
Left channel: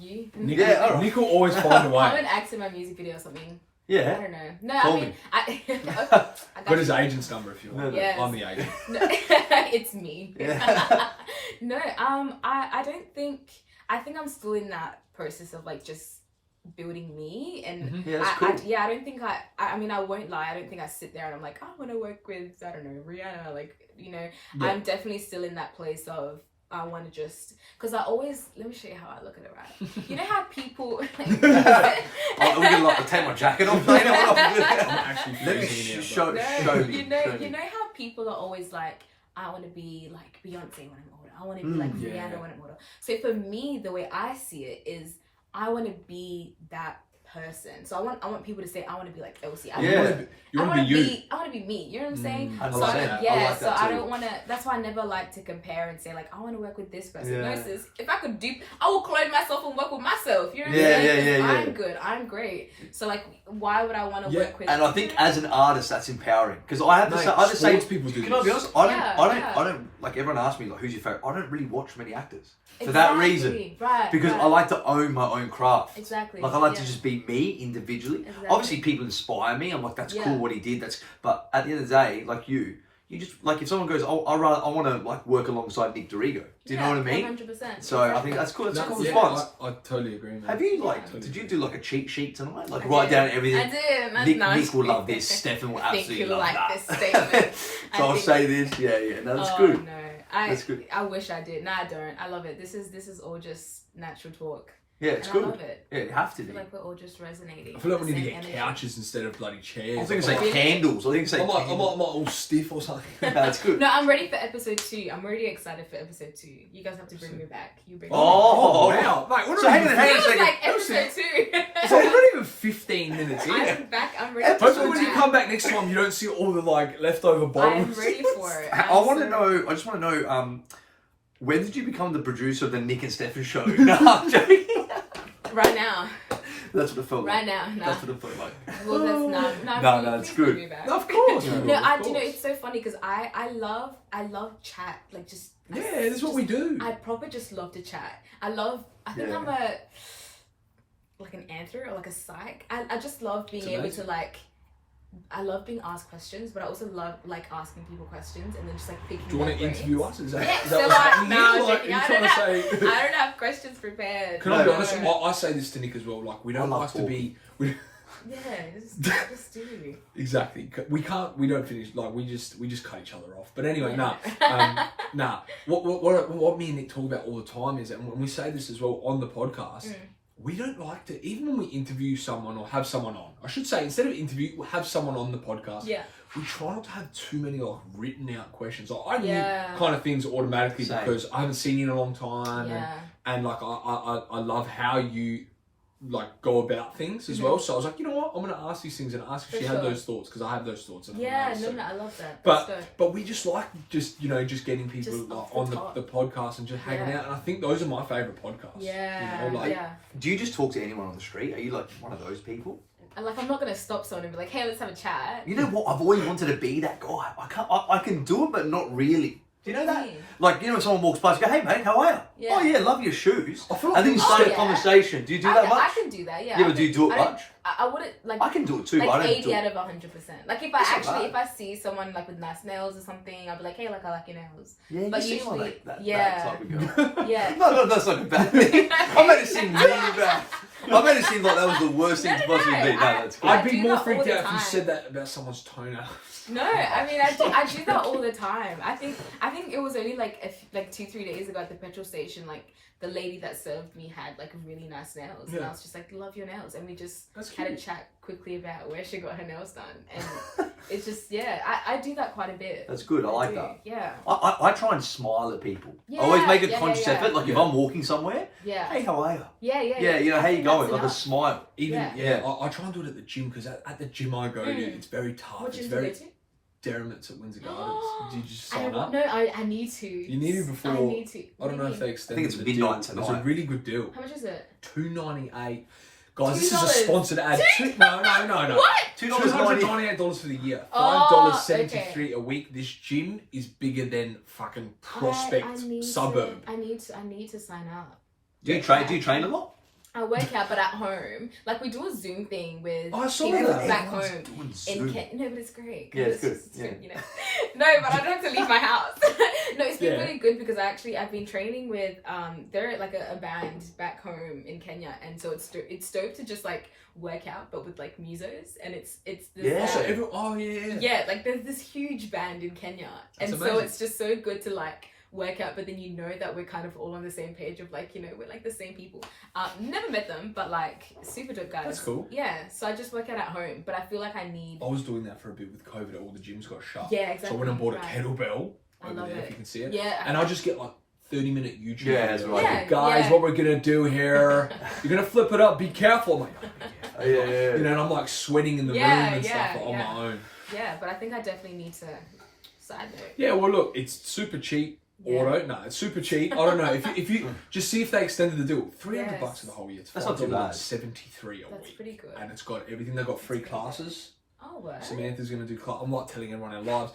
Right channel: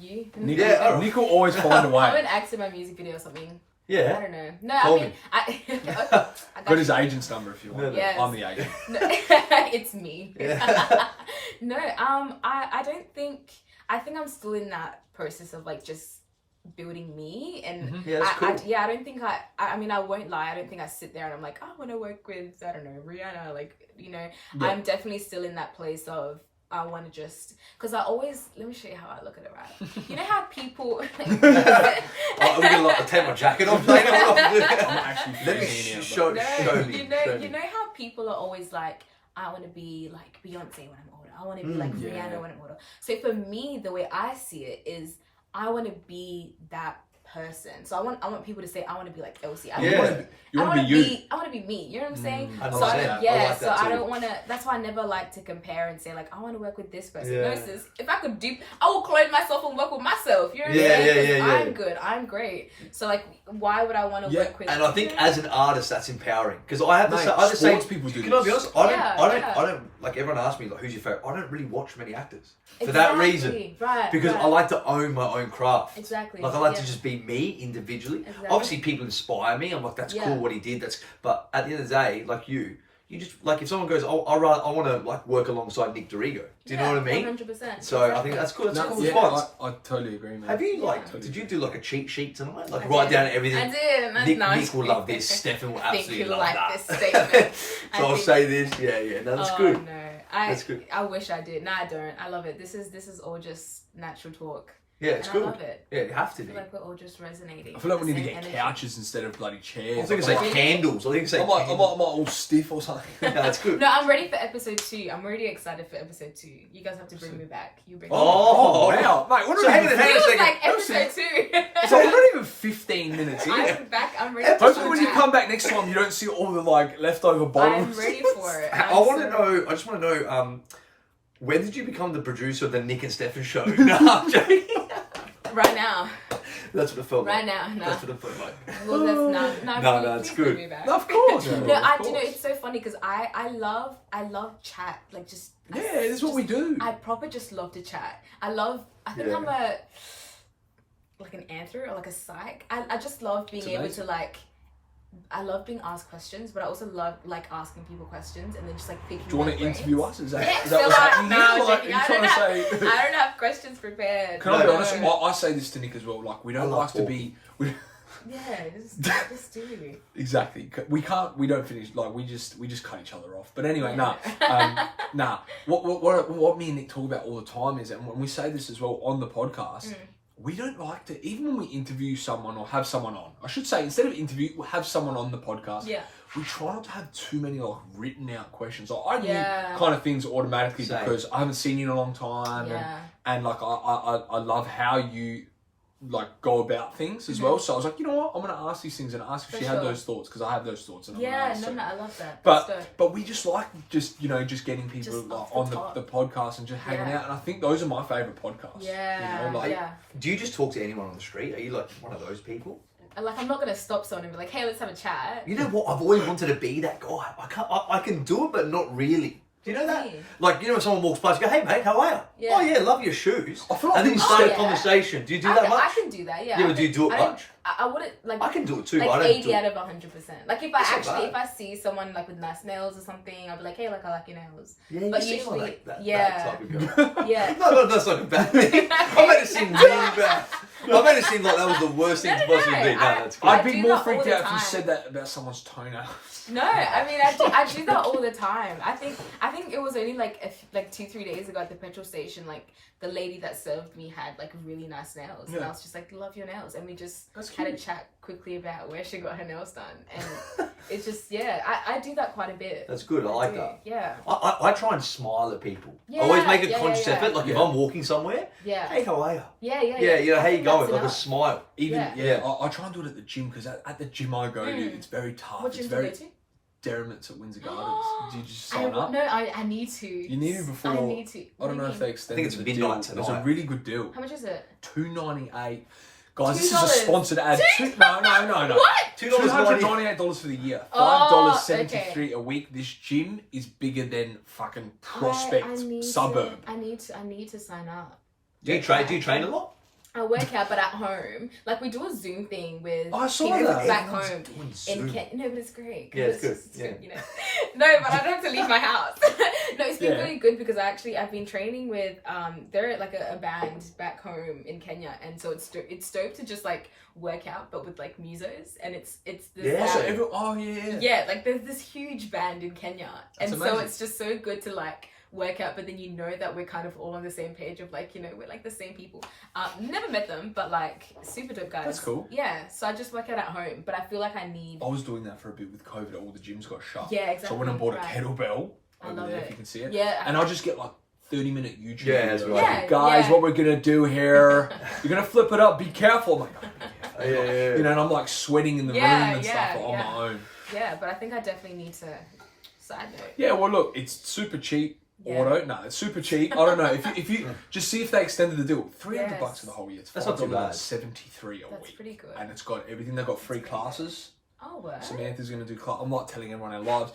You. Nick will always find a way. I'm an actor in my music video or something. Yeah. I don't know. No, I mean, I got his agent's number if you want. Yes. I'm the agent. No, it's me. Yeah. No, I don't think. I think I'm still in that process of like just building me, and Yeah, that's cool. I don't think I mean, I won't lie. I don't think I sit there and I'm like, I want to work with, I don't know, Rihanna. Like, you know, I'm definitely still in that place of. I want to just, because I always, let me show you how I look at it, right? You know how people... I'm going to take my jacket off. Let me show me. You know how people are always like, I want to be like Beyonce when I'm older. I want to be like Rihanna when I'm older. So for me, the way I see it is, I want to be that person. So I want people to say, I want to be like Elsy. I want to be me. You know what I'm saying? So I don't want to. That's why I never like to compare and say like, I want to work with this person. No, sis, if I could I will clone myself and work with myself. You know what I'm saying? I'm good. I'm great. So like, why would I want to work with? And I think as an artist, that's empowering, because I have the same people do. Can I be honest? I don't like, everyone asks me like, who's your favorite? I don't really watch many actors for that reason, because I like to own my own craft. Exactly. Like I like to just be me individually. Exactly. Obviously, people inspire me. I'm like, that's cool what he did. But at the end of the day, like you just like, if someone goes, I want to like work alongside Nick Dorigo. Do you know what I mean? 100%. So I think that's cool. That's a cool response. I totally agree, man. Have you did you do like a cheat sheet tonight? Like write down everything. I did. That's nice. Nick will love this. Stefan will absolutely love that. I think you'll like this statement. So I'll say this. Yeah. No, that's good. No, that's good. I wish I did. No, I don't. I love it. This is all just natural talk. Yeah, it's good. I love it. Yeah, you have to. I feel like we're all just resonating. I feel like we need to get couches instead of bloody chairs. I think it's like candles. I think it's like I'm all stiff or something. No, that's good. No, I'm ready for episode 2. I'm already excited for episode 2. You guys have to bring me back. You bring me back. Oh, wow. Mate, what so hang on a It was second. like episode 2. So we're not even 15 minutes in. I'm back. I'm ready. Hopefully when you come back next time, you don't see all the like leftover bottles. I'm ready for it. I just want to know, when did you become the producer of the Nick and Stefan show? No, I'm joking. Right now. That's what it felt like. Right now, no. That's what it felt like. Well, that's not. No, it's good. Me back. No, of course. No, I do know it's so funny because I love chat, like just. Yeah, this is what we do. I proper just love to chat. I think I'm like an answer or like a psych. I just love being able to like. I love being asked questions, but I also love like asking people questions and then just like picking. Do you want to interview us? Is that I don't have questions prepared. Can I be honest? I say this to Nick as well. Like we don't like to be. Just do. Exactly. We don't finish. Like we just cut each other off. But anyway, nah. What me and Nick talk about all the time is, and when we say this as well on the podcast. We don't like to, even when we interview someone or have someone on, I should say, instead of interview, we'll have someone on the podcast. Yeah. We try not to have too many like written out questions. Like, I knew kind of things automatically because I haven't seen you in a long time. Yeah. And like, I love how you like go about things as well. So I was like, you know what? I'm going to ask these things and ask if she had those thoughts, because I have those thoughts. I love that. But we just like just getting people on the podcast and just hanging out. And I think those are my favourite podcasts. Yeah. You know, do you just talk to anyone on the street? Are you like one of those people? Like, I'm not going to stop someone and be like, hey, let's have a chat. You know what? I've always wanted to be that guy. I can do it, but not really. Do you know that? Like, you know, when someone walks past, you go, hey, mate, how are you? Yeah. Oh, yeah, love your shoes. And then you start a conversation. Do you do that much? I can do that, yeah. Yeah, but do you do it much? I wouldn't, like... I can do it too, like but I don't 80 out of 100%. Like, if I see someone, like, with nice nails or something, I'll be like, hey, like, I like your nails. Yeah, but you usually, like that type of girl. Yeah. No, that's like a bad thing. I made it seem really bad. I made it seem like that was the worst thing to possibly be. No, that's good. I'd be more freaked out if you said that about someone's toenails. No, I mean, I do that all the time. I think it was only like 2-3 days ago at the petrol station, like the lady that served me had like really nice nails, and I was just like, love your nails, and we just had a chat quickly about where she got her nails done, and it's just I do that quite a bit. That's good. I like that. Yeah. I try and smile at people. I always make a conscious effort. Like if I'm walking somewhere, hey, how are you? Yeah. You know, how you going? Like a smile. I try and do it at the gym, because at the gym I go to, it's very tough. What gym do you go to? Derriments at Windsor Gardens. Did you just sign up? No, I need to. You need it before. I need to. I don't know if they extended. I think it's midnight tonight. It was a really good deal. How much is it? $2.98. Guys, this is a sponsored ad. No. What? $298 for the year. $5.73 a week. This gym is bigger than fucking Prospect suburb. I need to sign up. Do you train a lot? I work out, but at home, like we do a Zoom thing with people that. back home in Kent. No, but it's great. Yeah, it's good. Good, you know. No, but I don't have to leave my house. No, it's been really good because I've been training with they're like a band back home in Kenya, and so it's dope to just like work out, but with like musos, and it's this like there's this huge band in Kenya, and so it's just so good to like work out, but then you know that we're kind of all on the same page of like, you know, we're like the same people. Never met them, but like super dope guys. That's cool. Yeah, so I just work out at home, but I feel like I was doing that for a bit with COVID. All the gyms got shut. Yeah, exactly. So I went and bought a kettlebell. I love it. If you can see it. Yeah. And I'll just get like 30-minute YouTube videos. Right. Guys, what we're gonna do here? You're gonna flip it up. Be careful. I'm like, you know, and I'm like sweating in the room and stuff on my own. Yeah, but I think I definitely need to. Side note. Yeah, well, look, it's super cheap. Auto, no, it's super cheap. I don't know if you just see if they extended the deal. $300 for the whole year. It's That's not too bad. $73 a week. That's pretty good. And it's got everything. They've got free classes. Oh, what? Samantha's going to do I'm not telling everyone our lives.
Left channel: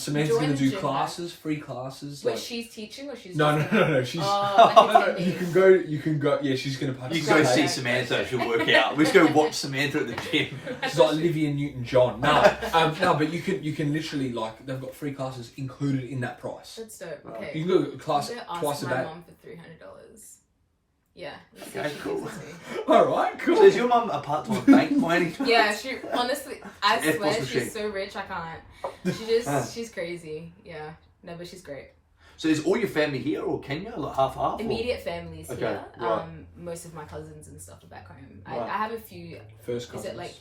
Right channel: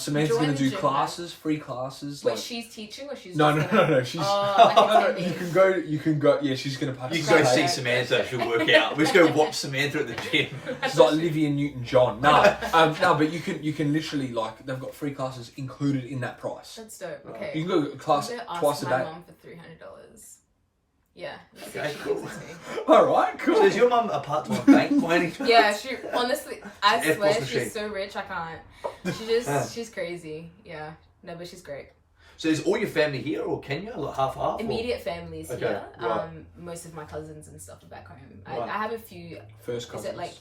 Samantha's going to do classes, free classes. Wait, she's teaching or she's No. She's you can go. Yeah, she's going to participate. You can go see Samantha. She'll work out. We just go watch Samantha at the gym. She's like Olivia Newton-John. No, but you can literally like they've got free classes included in that price. That's dope. Okay. You can go to class twice a day. My mum for $300. Yeah, let's see if she cool. gives it to me. Alright, cool. So is your mum a part-time bank by any chance? Yeah, she honestly, I swear she's so rich I can't. She's crazy. Yeah, no, but she's great. So is all your family here or Kenya, like half? Immediate families here. Right. Most of my cousins and stuff are back home. I have a few. First cousins. Is it like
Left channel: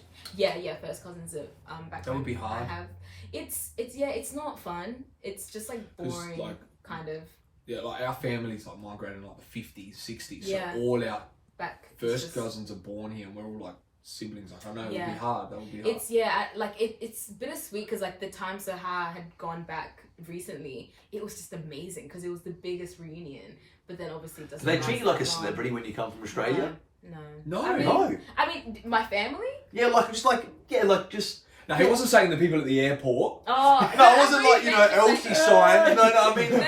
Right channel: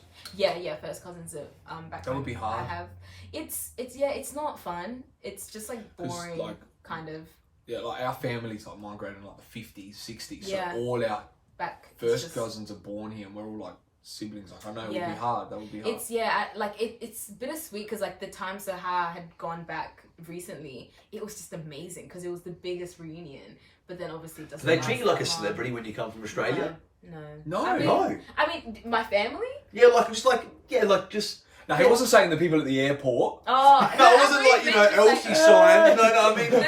first cousins are back home. That would be hard. I have. It's not fun. It's just like boring, like, kind of. Yeah, like our family's like migrated in like the 50s, 60s. Yeah. So all our first cousins are born here and we're all like siblings. Like I know it would be hard. That would be hard. It's bittersweet because like the time Sahar had gone back recently, it was just amazing because it was the biggest reunion. But then obviously it doesn't. Do they treat you like a celebrity when you come from Australia? No. I mean, my family. Yeah, just. No, he wasn't saying the people at the airport. Oh, no, I wasn't like, Elsy sign. No, I mean... No.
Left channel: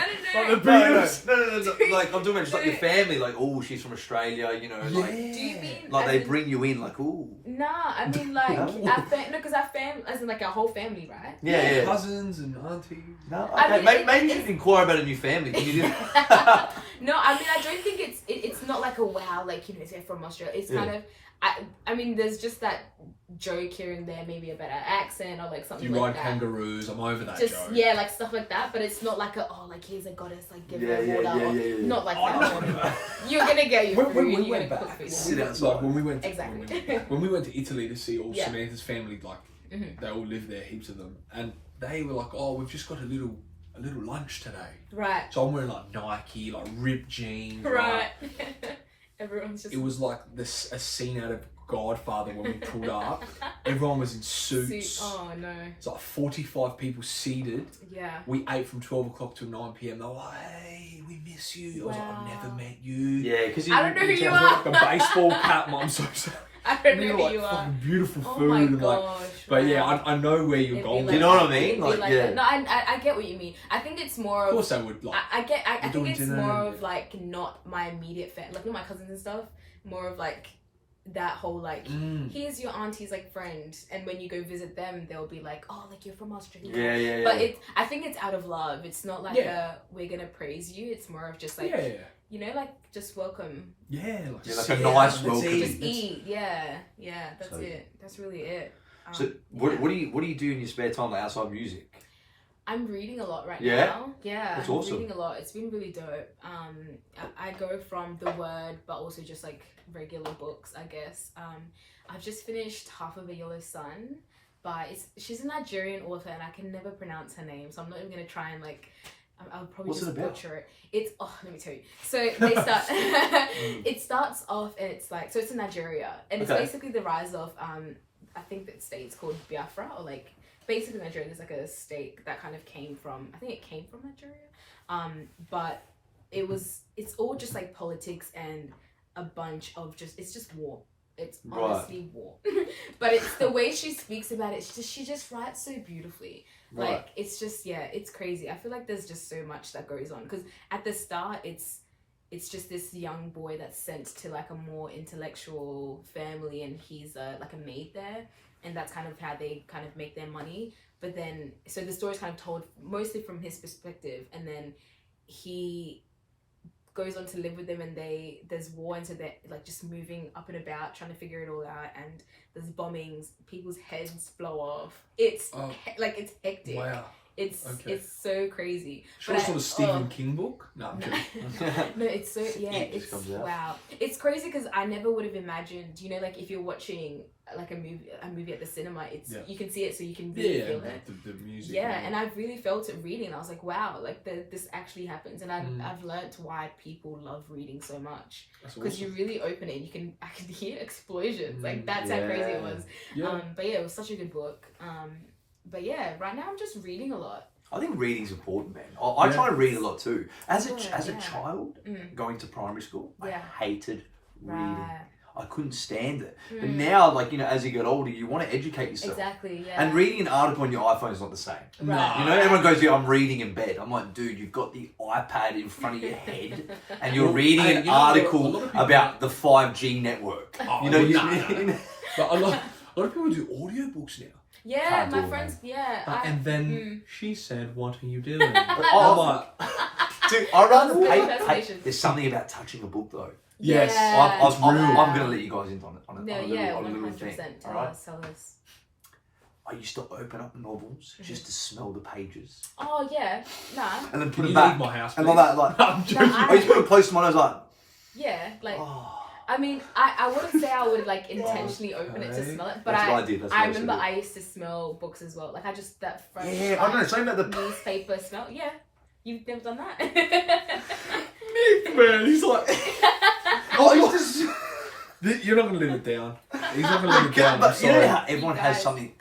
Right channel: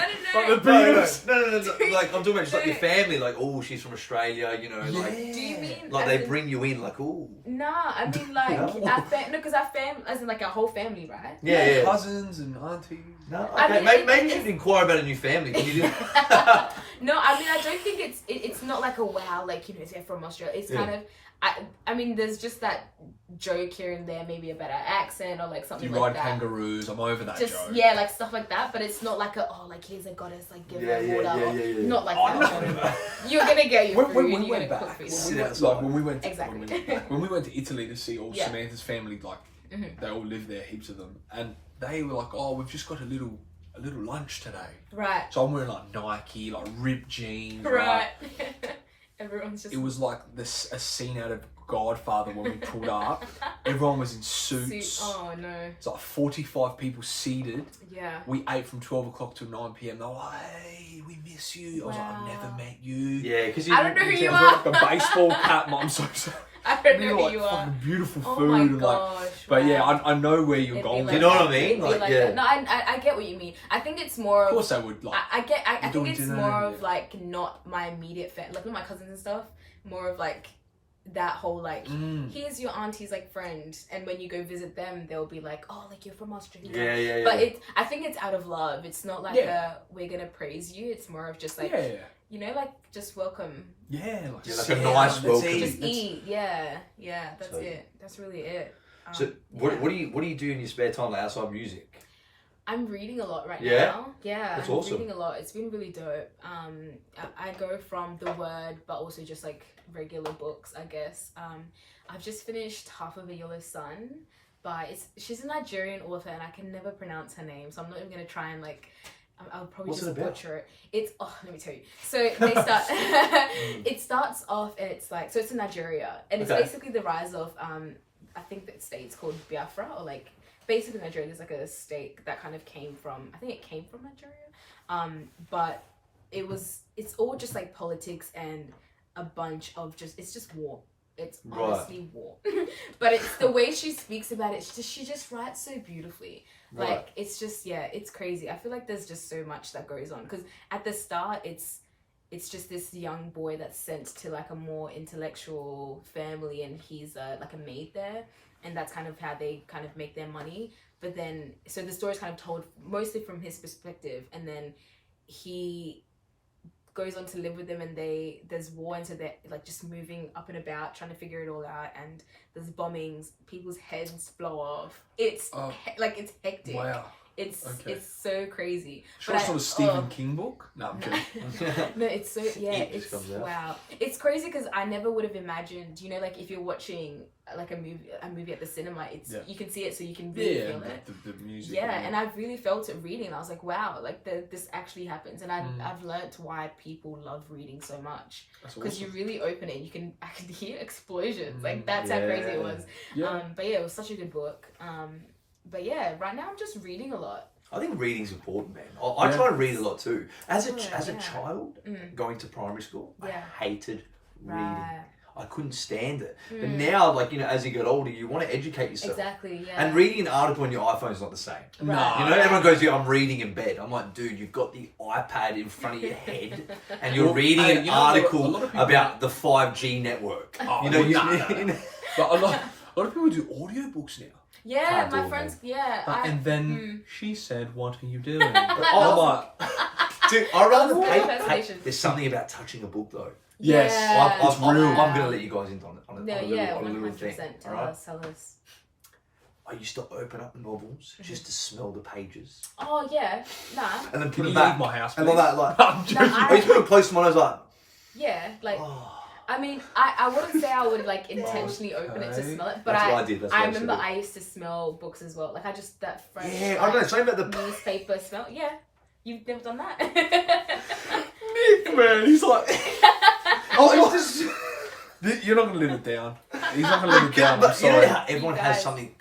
Like, I'm talking about just like your family, like, oh, she's from Australia, you know, like... Do you mean... Like, they bring you in, like, ooh. Nah, I mean, like, because our family, as in, like, our whole family, right? Yeah. Cousins and aunties. No, okay, maybe you should inquire about a new family. Can you do... No, I mean, I don't think it's not like a wow, like, you know, they're from Australia. It's kind of... I mean, there's just that joke here and there, maybe a better accent or like something like that. You ride kangaroos, I'm over that just, joke. Yeah, like stuff like that, but it's not like here's a goddess, like give her water. Not like that. You're gonna get your food and you're gonna cook food. When we went to, exactly. when we went to Italy to see all Samantha's family, like they all live there, heaps of them, and they were like, oh, we've just got a little lunch today. Right. So I'm wearing like Nike, like ripped jeans. Right. Everyone's just... It was like a scene out of Godfather when we pulled up. Everyone was in suits. Oh no. It's like 45 people seated. Yeah. We ate from 12 o'clock till 9 p.m. They're like, hey, we miss you. I was like, I've never met you. Yeah, because I don't know who you are. Like a baseball cap. I'm so sorry. I don't know who you are. Fucking beautiful food. Oh my and gosh. But yeah, I know where you're going. Do you know what I mean? Like that. No, I get what you mean. I think it's more of... Of course I would. Like, I think it's more of like not my immediate family, like not my cousins and stuff. More of like that whole like here's your auntie's like friend, and when you go visit them they'll be like, oh, like you're from Australia. Yeah. But I think it's out of love. It's not like we're gonna praise you. It's more of just like you know, like just welcome. Yeah, like a nice welcome. Just eat. Yeah. That's it. That's really it. So what do you do in your spare time, like outside music? I'm reading a lot right now. Yeah, that's I'm awesome. reading a lot. It's been really dope. I go from the word, but also just like regular books, I guess. I've just finished Half of a Yellow Sun she's a Nigerian author and I can never pronounce her name, so I'm not even gonna try and like. I'll probably just butcher it. It's let me tell you. So they start. It starts off and it's like it's in Nigeria and it's basically the rise of I think that state's called Biafra or like. Basically, Nigeria is like a state that kind of came from, I think it came from Nigeria, but it's all just like politics and a bunch of it's just war. It's honestly war. But it's the way she speaks about it. She just writes so beautifully. Like, it's just, it's crazy. I feel like there's just so much that goes on. Because at the start, it's just this young boy that's sent to like a more intellectual family, and he's like a maid there. And that's kind of how they kind of make their money. But then, so the story's kind of told mostly from his perspective. And then he goes on to live with them, and there's war, and so they're like just moving up and about trying to figure it all out, and there's bombings, people's heads blow off. It's it's hectic. Wow. It's so crazy. Sure, it's not a Stephen King book. No, I'm kidding. No, it's so it's wow. It's crazy because I never would have imagined. You know, like if you're watching like a movie at the cinema, it's you can see it, so you can really feel it. The music. Yeah, and I've really felt it reading. I was like, wow, like this actually happens, and I've learnt why people love reading so much, because you really open it, and I can hear explosions. Like that's how crazy it was. Yeah. But yeah, it was such a good book. But yeah, right now I'm just reading a lot. I think reading's important, man. I try to read a lot too. As a child, going to primary school, I hated reading. I couldn't stand it. But now, like, you know, as you get older, you want to educate yourself. Exactly, yeah. And reading an article on your iPhone is not the same. Right. You know, everyone goes, I'm reading in bed. I'm like, dude, you've got the iPad in front of your head and you're reading an article about the 5G network. Oh, But a lot of people do audiobooks now. Yeah, my friends, and then she said, what are you doing? Dude, I rather there's something about touching a book though. Yes, I'm going to let you guys in on it. Yeah, 100%. Tell us. I used to open up novels just to smell the pages. Oh yeah, nah. And then put them back. My house, and like that, I used to put them close to mine. I was like, yeah, like. I mean, I wouldn't say I would like intentionally open it to smell it, but I remember I used to smell books as well. Like I just that French I don't know, something about the newspaper smell. Yeah, you've never done that. Nick, man, he's like, you're not gonna let it down. He's not gonna let it down. But you know how everyone has something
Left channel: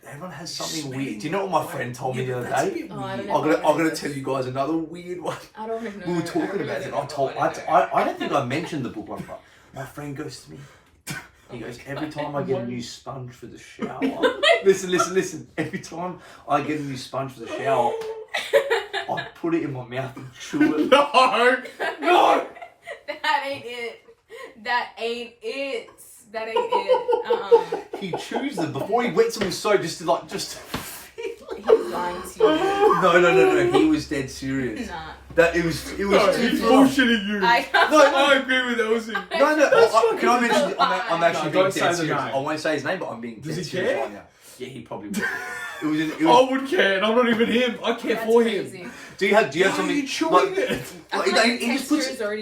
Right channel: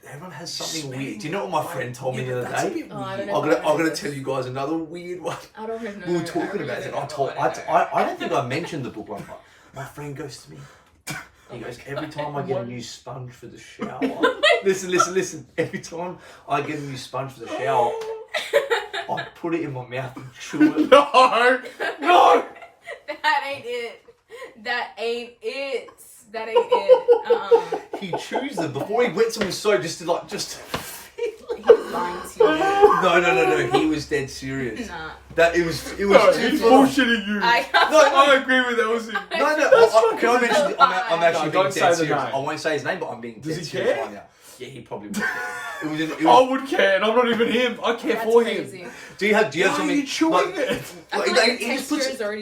weird. Do you know what my friend told me the other day? Oh, I don't know. I'm gonna tell you guys another weird one. I don't even know. We were talking about it. I don't think I mentioned the book one time. My friend goes to me. He goes, every time I get a new sponge for the shower. Listen. Every time I get a new sponge for the shower, I put it in my mouth and chew it. No. That ain't it. He chews them before he wets them with soap just to. He's lying to you. No. He was dead serious. Nah. It was He's bullshitting you. I agree with Elsy. No. Can I mention? I'm actually being dead serious. I won't say his name, but I'm being dead serious right now. Yeah, he probably would. I would care, and I'm not even him. I care for crazy. him. Do you have Why something? Are you chewing it?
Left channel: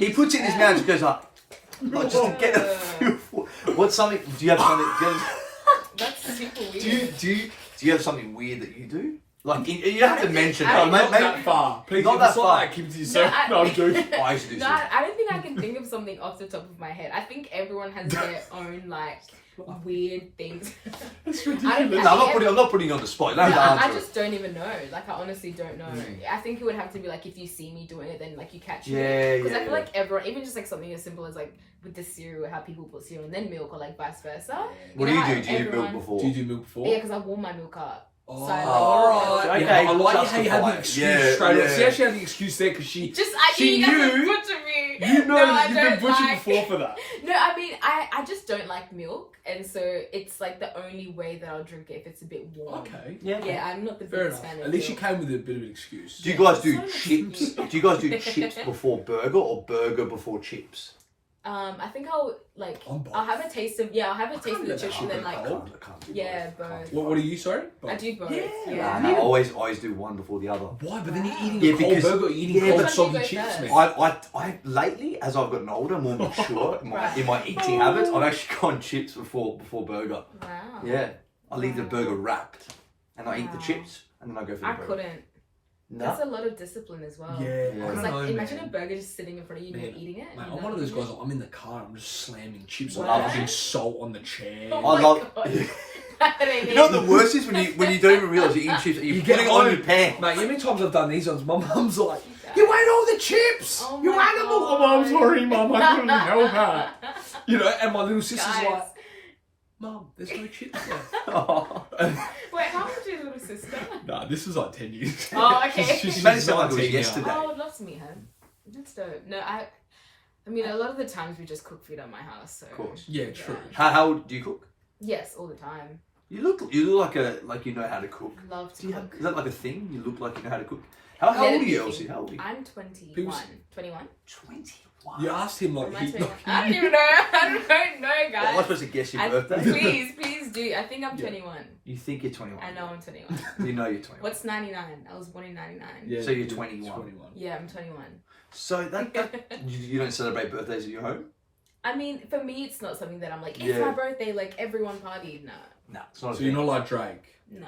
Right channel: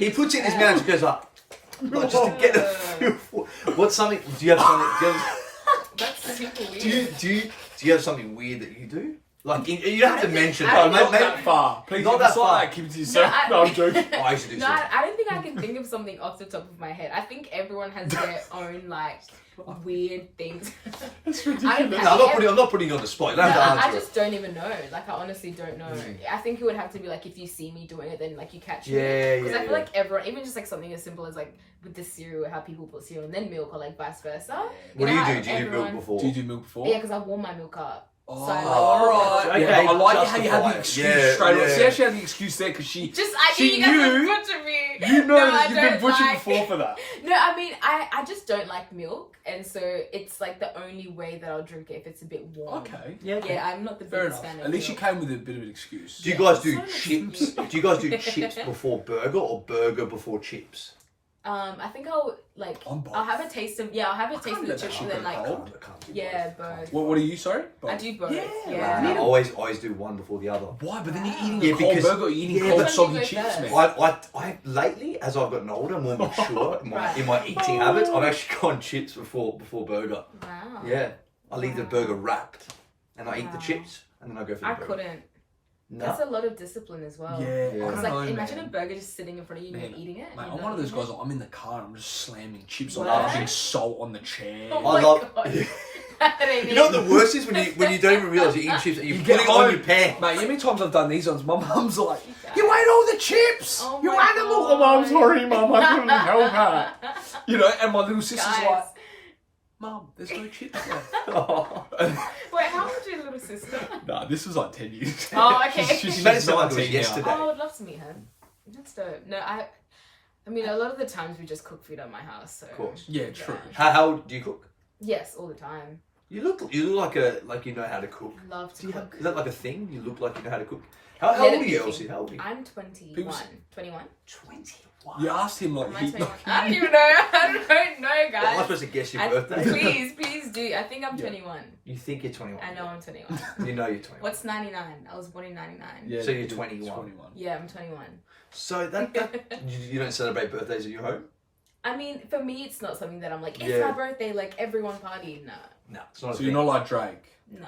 He puts it in his mouth and just goes like just to get a feel for. What's something? Do you have something? That's super weird. Do you have something weird that you do? Like you have to mention. Not that far. Please, not that far. Keep it to yourself. No, I'm joking. I used to do so. I don't think I can think of something off the top of my head. I think everyone has their own like weird things. I'm not putting you on the spot. I just don't even know. Like I honestly don't know. I think it would have to be like if you see me doing it, then like you catch me. Because I feel like everyone, even just like something as simple as like with the cereal, how people put cereal and then milk, or like vice versa. What do you do? Do you do milk before? Do you do milk before? Yeah, because I warm my milk up. Oh, so like, okay. I like how you had the excuse straight away. See, she had the excuse there because she knew you guys would butcher me. You know you've been butchered before for that. No, I mean I just don't like milk, and so it's like the only way that I'll drink it if it's a bit warm. Okay. Yeah, I'm not the biggest fan of milk. At least you came with a bit of an excuse. Do you guys do chips? Do you guys do chips before burger or burger before chips? I think I'll have a taste of the chips and then like both. What are you, sorry? I do both. Yeah. I always do one before the other. Why? But then you're eating a cold burger, or you're eating cold soggy chips, man. I lately, as I've gotten older, more mature in my eating habits, I've actually gone chips before burger. Wow. Yeah. I leave the burger wrapped and I eat the chips and then I go for the burger. I couldn't. No. That's a lot of discipline as well. Yeah. Because imagine a burger just sitting in front of you and you're eating it. Mate, I'm one of those guys. I'm in the car and I'm just slamming chips on, rubbing salt on the chair. Oh my God. You know what the worst is when you don't even realise you're eating chips. You're putting it on your pan. Mate, how many times I've done these ones? My mum's like, "You ate all the chips. You ate them all." Oh, I'm sorry, mum. I couldn't help that. You know, and my little sister's like, Mum, there's no chips left. Oh. Wait, how old is your little sister? Nah, this was like 10 years. Oh, okay. You made it sound like it was 19 now. yesterday. Oh, I would love to meet her. That's dope. No, I mean, a lot of the times we just cook food at my house. So. Of course. Yeah, true. How do you cook? Yes, all the time. You look like you know how to cook. Love to Do you cook. have, is that like a thing? You look like you know how to cook. How Yeah, old are you, cooking. Elsie? How old are you? I'm 21. People- 21? 21. You asked him like Am I he, 21? I don't even know. I don't know, Well, am I guys. supposed to guess your birthday? Please do. I think I'm 21. You think you're 21. I know I'm 21. You know you're 21. What's 99? I was born in 99. Yeah, So you're he's 21. Yeah, I'm 21. So that you don't celebrate birthdays at your home? I mean, for me, it's not something that I'm like, it's Yeah. my birthday, like everyone party. Nah. No, it's not a So you're thing. not like Drake. Nah.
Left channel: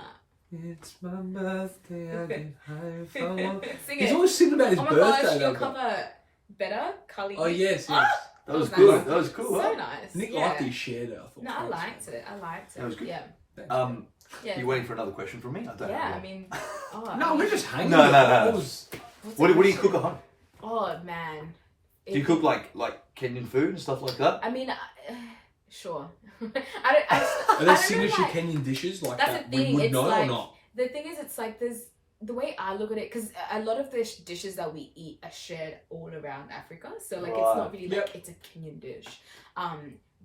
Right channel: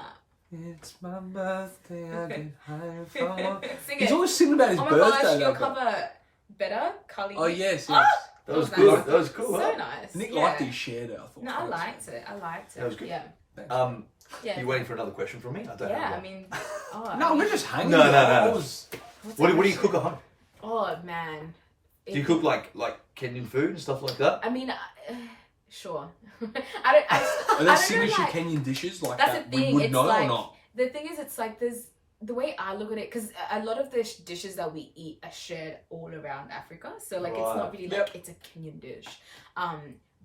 It's my birthday, I can hide if I want. Sing He's it. always singing about his Oh my birthday. gosh, your though. cover better? Cully. Oh yes, Ah! yes. That was Nice. good. That was cool. So huh? nice. Nick yeah. liked it, he shared it, I thought. No, I liked it. That was good. Yeah. Yeah. You waiting for another question from me? I don't Yeah, know. I mean, oh, No, we're just hanging. No, out. no. It was- what's What the do you question? cook at home? Oh man. Do you cook like Kenyan food and stuff like that? I mean, sure. I don't. I Are don't there know, signature like, Kenyan dishes like that's that the we thing, would it's know like- or not? the thing is, it's like there's the way I look at it, because a lot of the dishes that we eat are shared all around Africa. So like, it's not really like it's a Kenyan dish.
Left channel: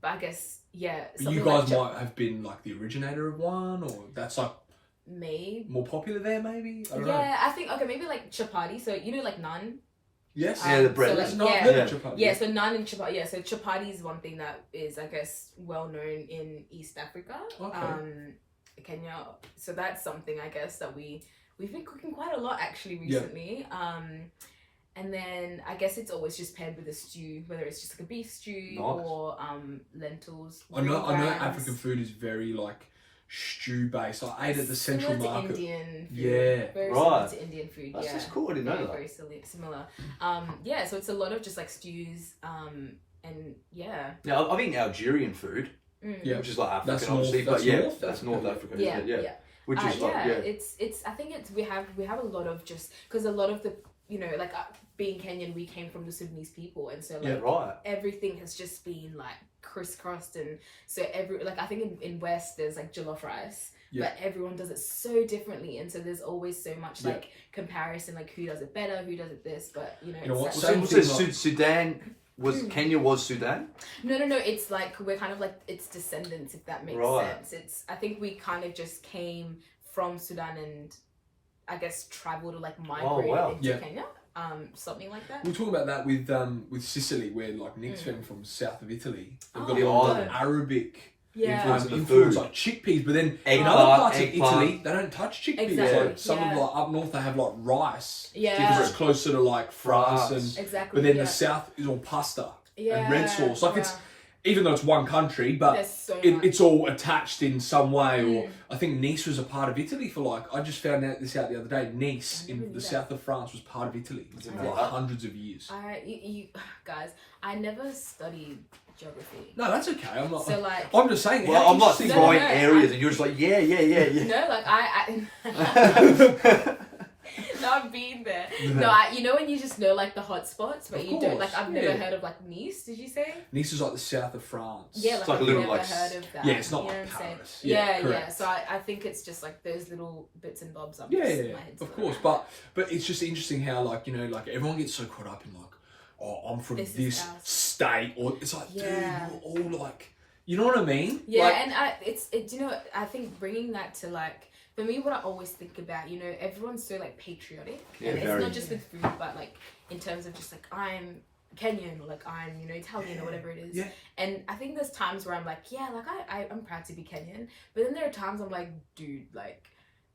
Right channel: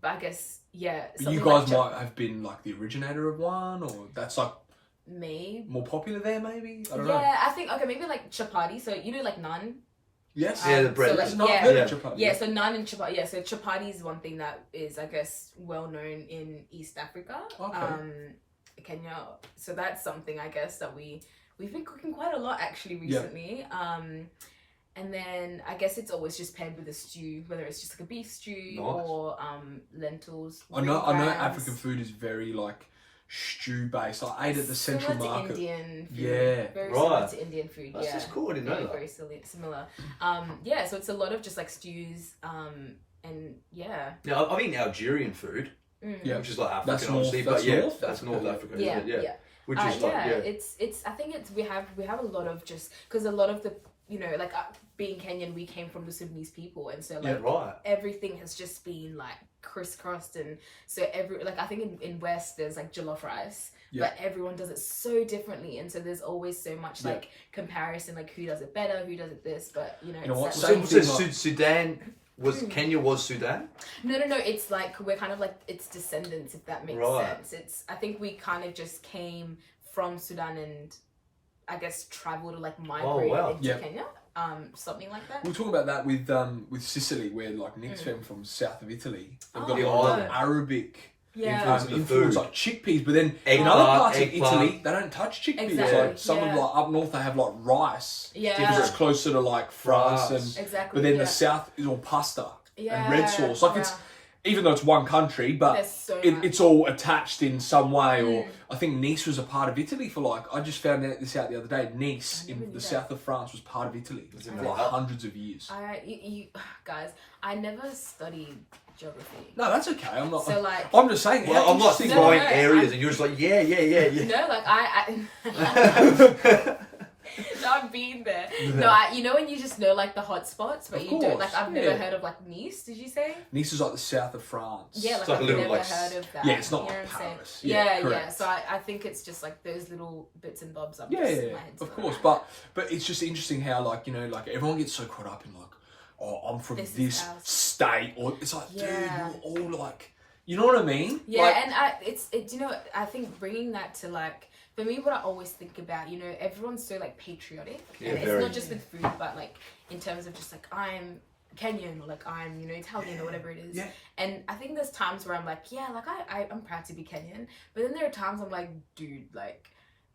But I guess yeah. You something guys like might have been like the originator of one, or that's like maybe. more popular there, maybe. I don't know. Yeah, I think okay, maybe like chapati. So you know, like naan. Yes. Yeah, the bread. So, like, It's not yeah. good, Yeah. chapati. Yeah, so naan and chapati. Yeah, so chapati is one thing that is, I guess, well known in East Africa, Okay. Kenya. So that's something I guess that we've been cooking quite a lot actually recently. And then I guess it's always just paired with a stew, whether it's just like a beef stew Nice. or lentils. I know green grams. African food is very like stew based. I ate at the Similar Central to Market. Indian food. Yeah. Very Right. similar to Indian food. That's yeah. just cool. I didn't know Very, that. very similar. Yeah, so it's a lot of just like stews. And yeah. Now I've eaten Algerian food, Yeah. which is like African, That's obviously, North- but yeah, that's that's North North Africa. Africa. Yeah, isn't it? yeah. Which is like It's I think it's we have a lot of just because a lot of the like being Kenyan, we came from the Sudanese people, and so like right. everything has just been like crisscrossed, and so I think in West there's like jollof rice, Yeah. but everyone does it so differently, and so there's always so much Yeah. like comparison, like who does it better, who does it this, but You know it's what, such- same So thing, Sudan was Kenya was Sudan. No, it's like we're kind of like its descendants, if that makes Right. sense. I think we kind of just came from Sudan and I guess traveled or like migrated wow. into Yeah. Kenya, something like that. We'll talk about that with Sicily, where like Nick's family from south of Italy. They've got Oh, a lot of yeah. Arabic Yeah, influence. The influence food. like chickpeas, but then in Eggplant, other parts of eggplant. Italy, they don't touch chickpeas. Exactly, Like some of yeah. like up north, they have like rice yeah, because it's closer to like France, France. and exactly. but then yeah. the south is all pasta yeah. and red sauce. Like it's yeah. even though it's one country, but There's so much. it's all attached in some way. Or I think Nice was a part of Italy for like I just found this out the other day. Nice I never in knew the that. south of France was part of Italy for know like that. hundreds of years. You guys, I never studied geography, No, that's okay. I'm not. so like I'm just saying. Well, how I'm not interesting- No, throwing no, areas, I- and you're just like yeah. no, like I no, I've been there. No, you know when you just know like the hot spots, but Of you don't like. course, I've never yeah. heard of like Nice. Did you say? Nice is like the south of France. Yeah, like It's like I've a little, never like, heard of that. yeah, it's not you know like what I'm saying? Paris. Yeah, Yeah, correct. So I think it's just like those little bits and bobs. Yeah, My head's of not course. around. But it's just interesting how like like everyone gets so caught up in like, oh, I'm from This is this ours. state, or it's like, Yeah. dude, you're all like, you know what I mean? Yeah, Like, and you know, I think bringing that to like, for me, what I always think about, everyone's so like patriotic, Yeah, and it's very. not just with food, but like in terms of just like I'm Kenyan or like I'm Italian or whatever it is. Yeah. And I think there's times where I'm like, yeah, like I'm proud to be Kenyan, but then there are times I'm like, dude, like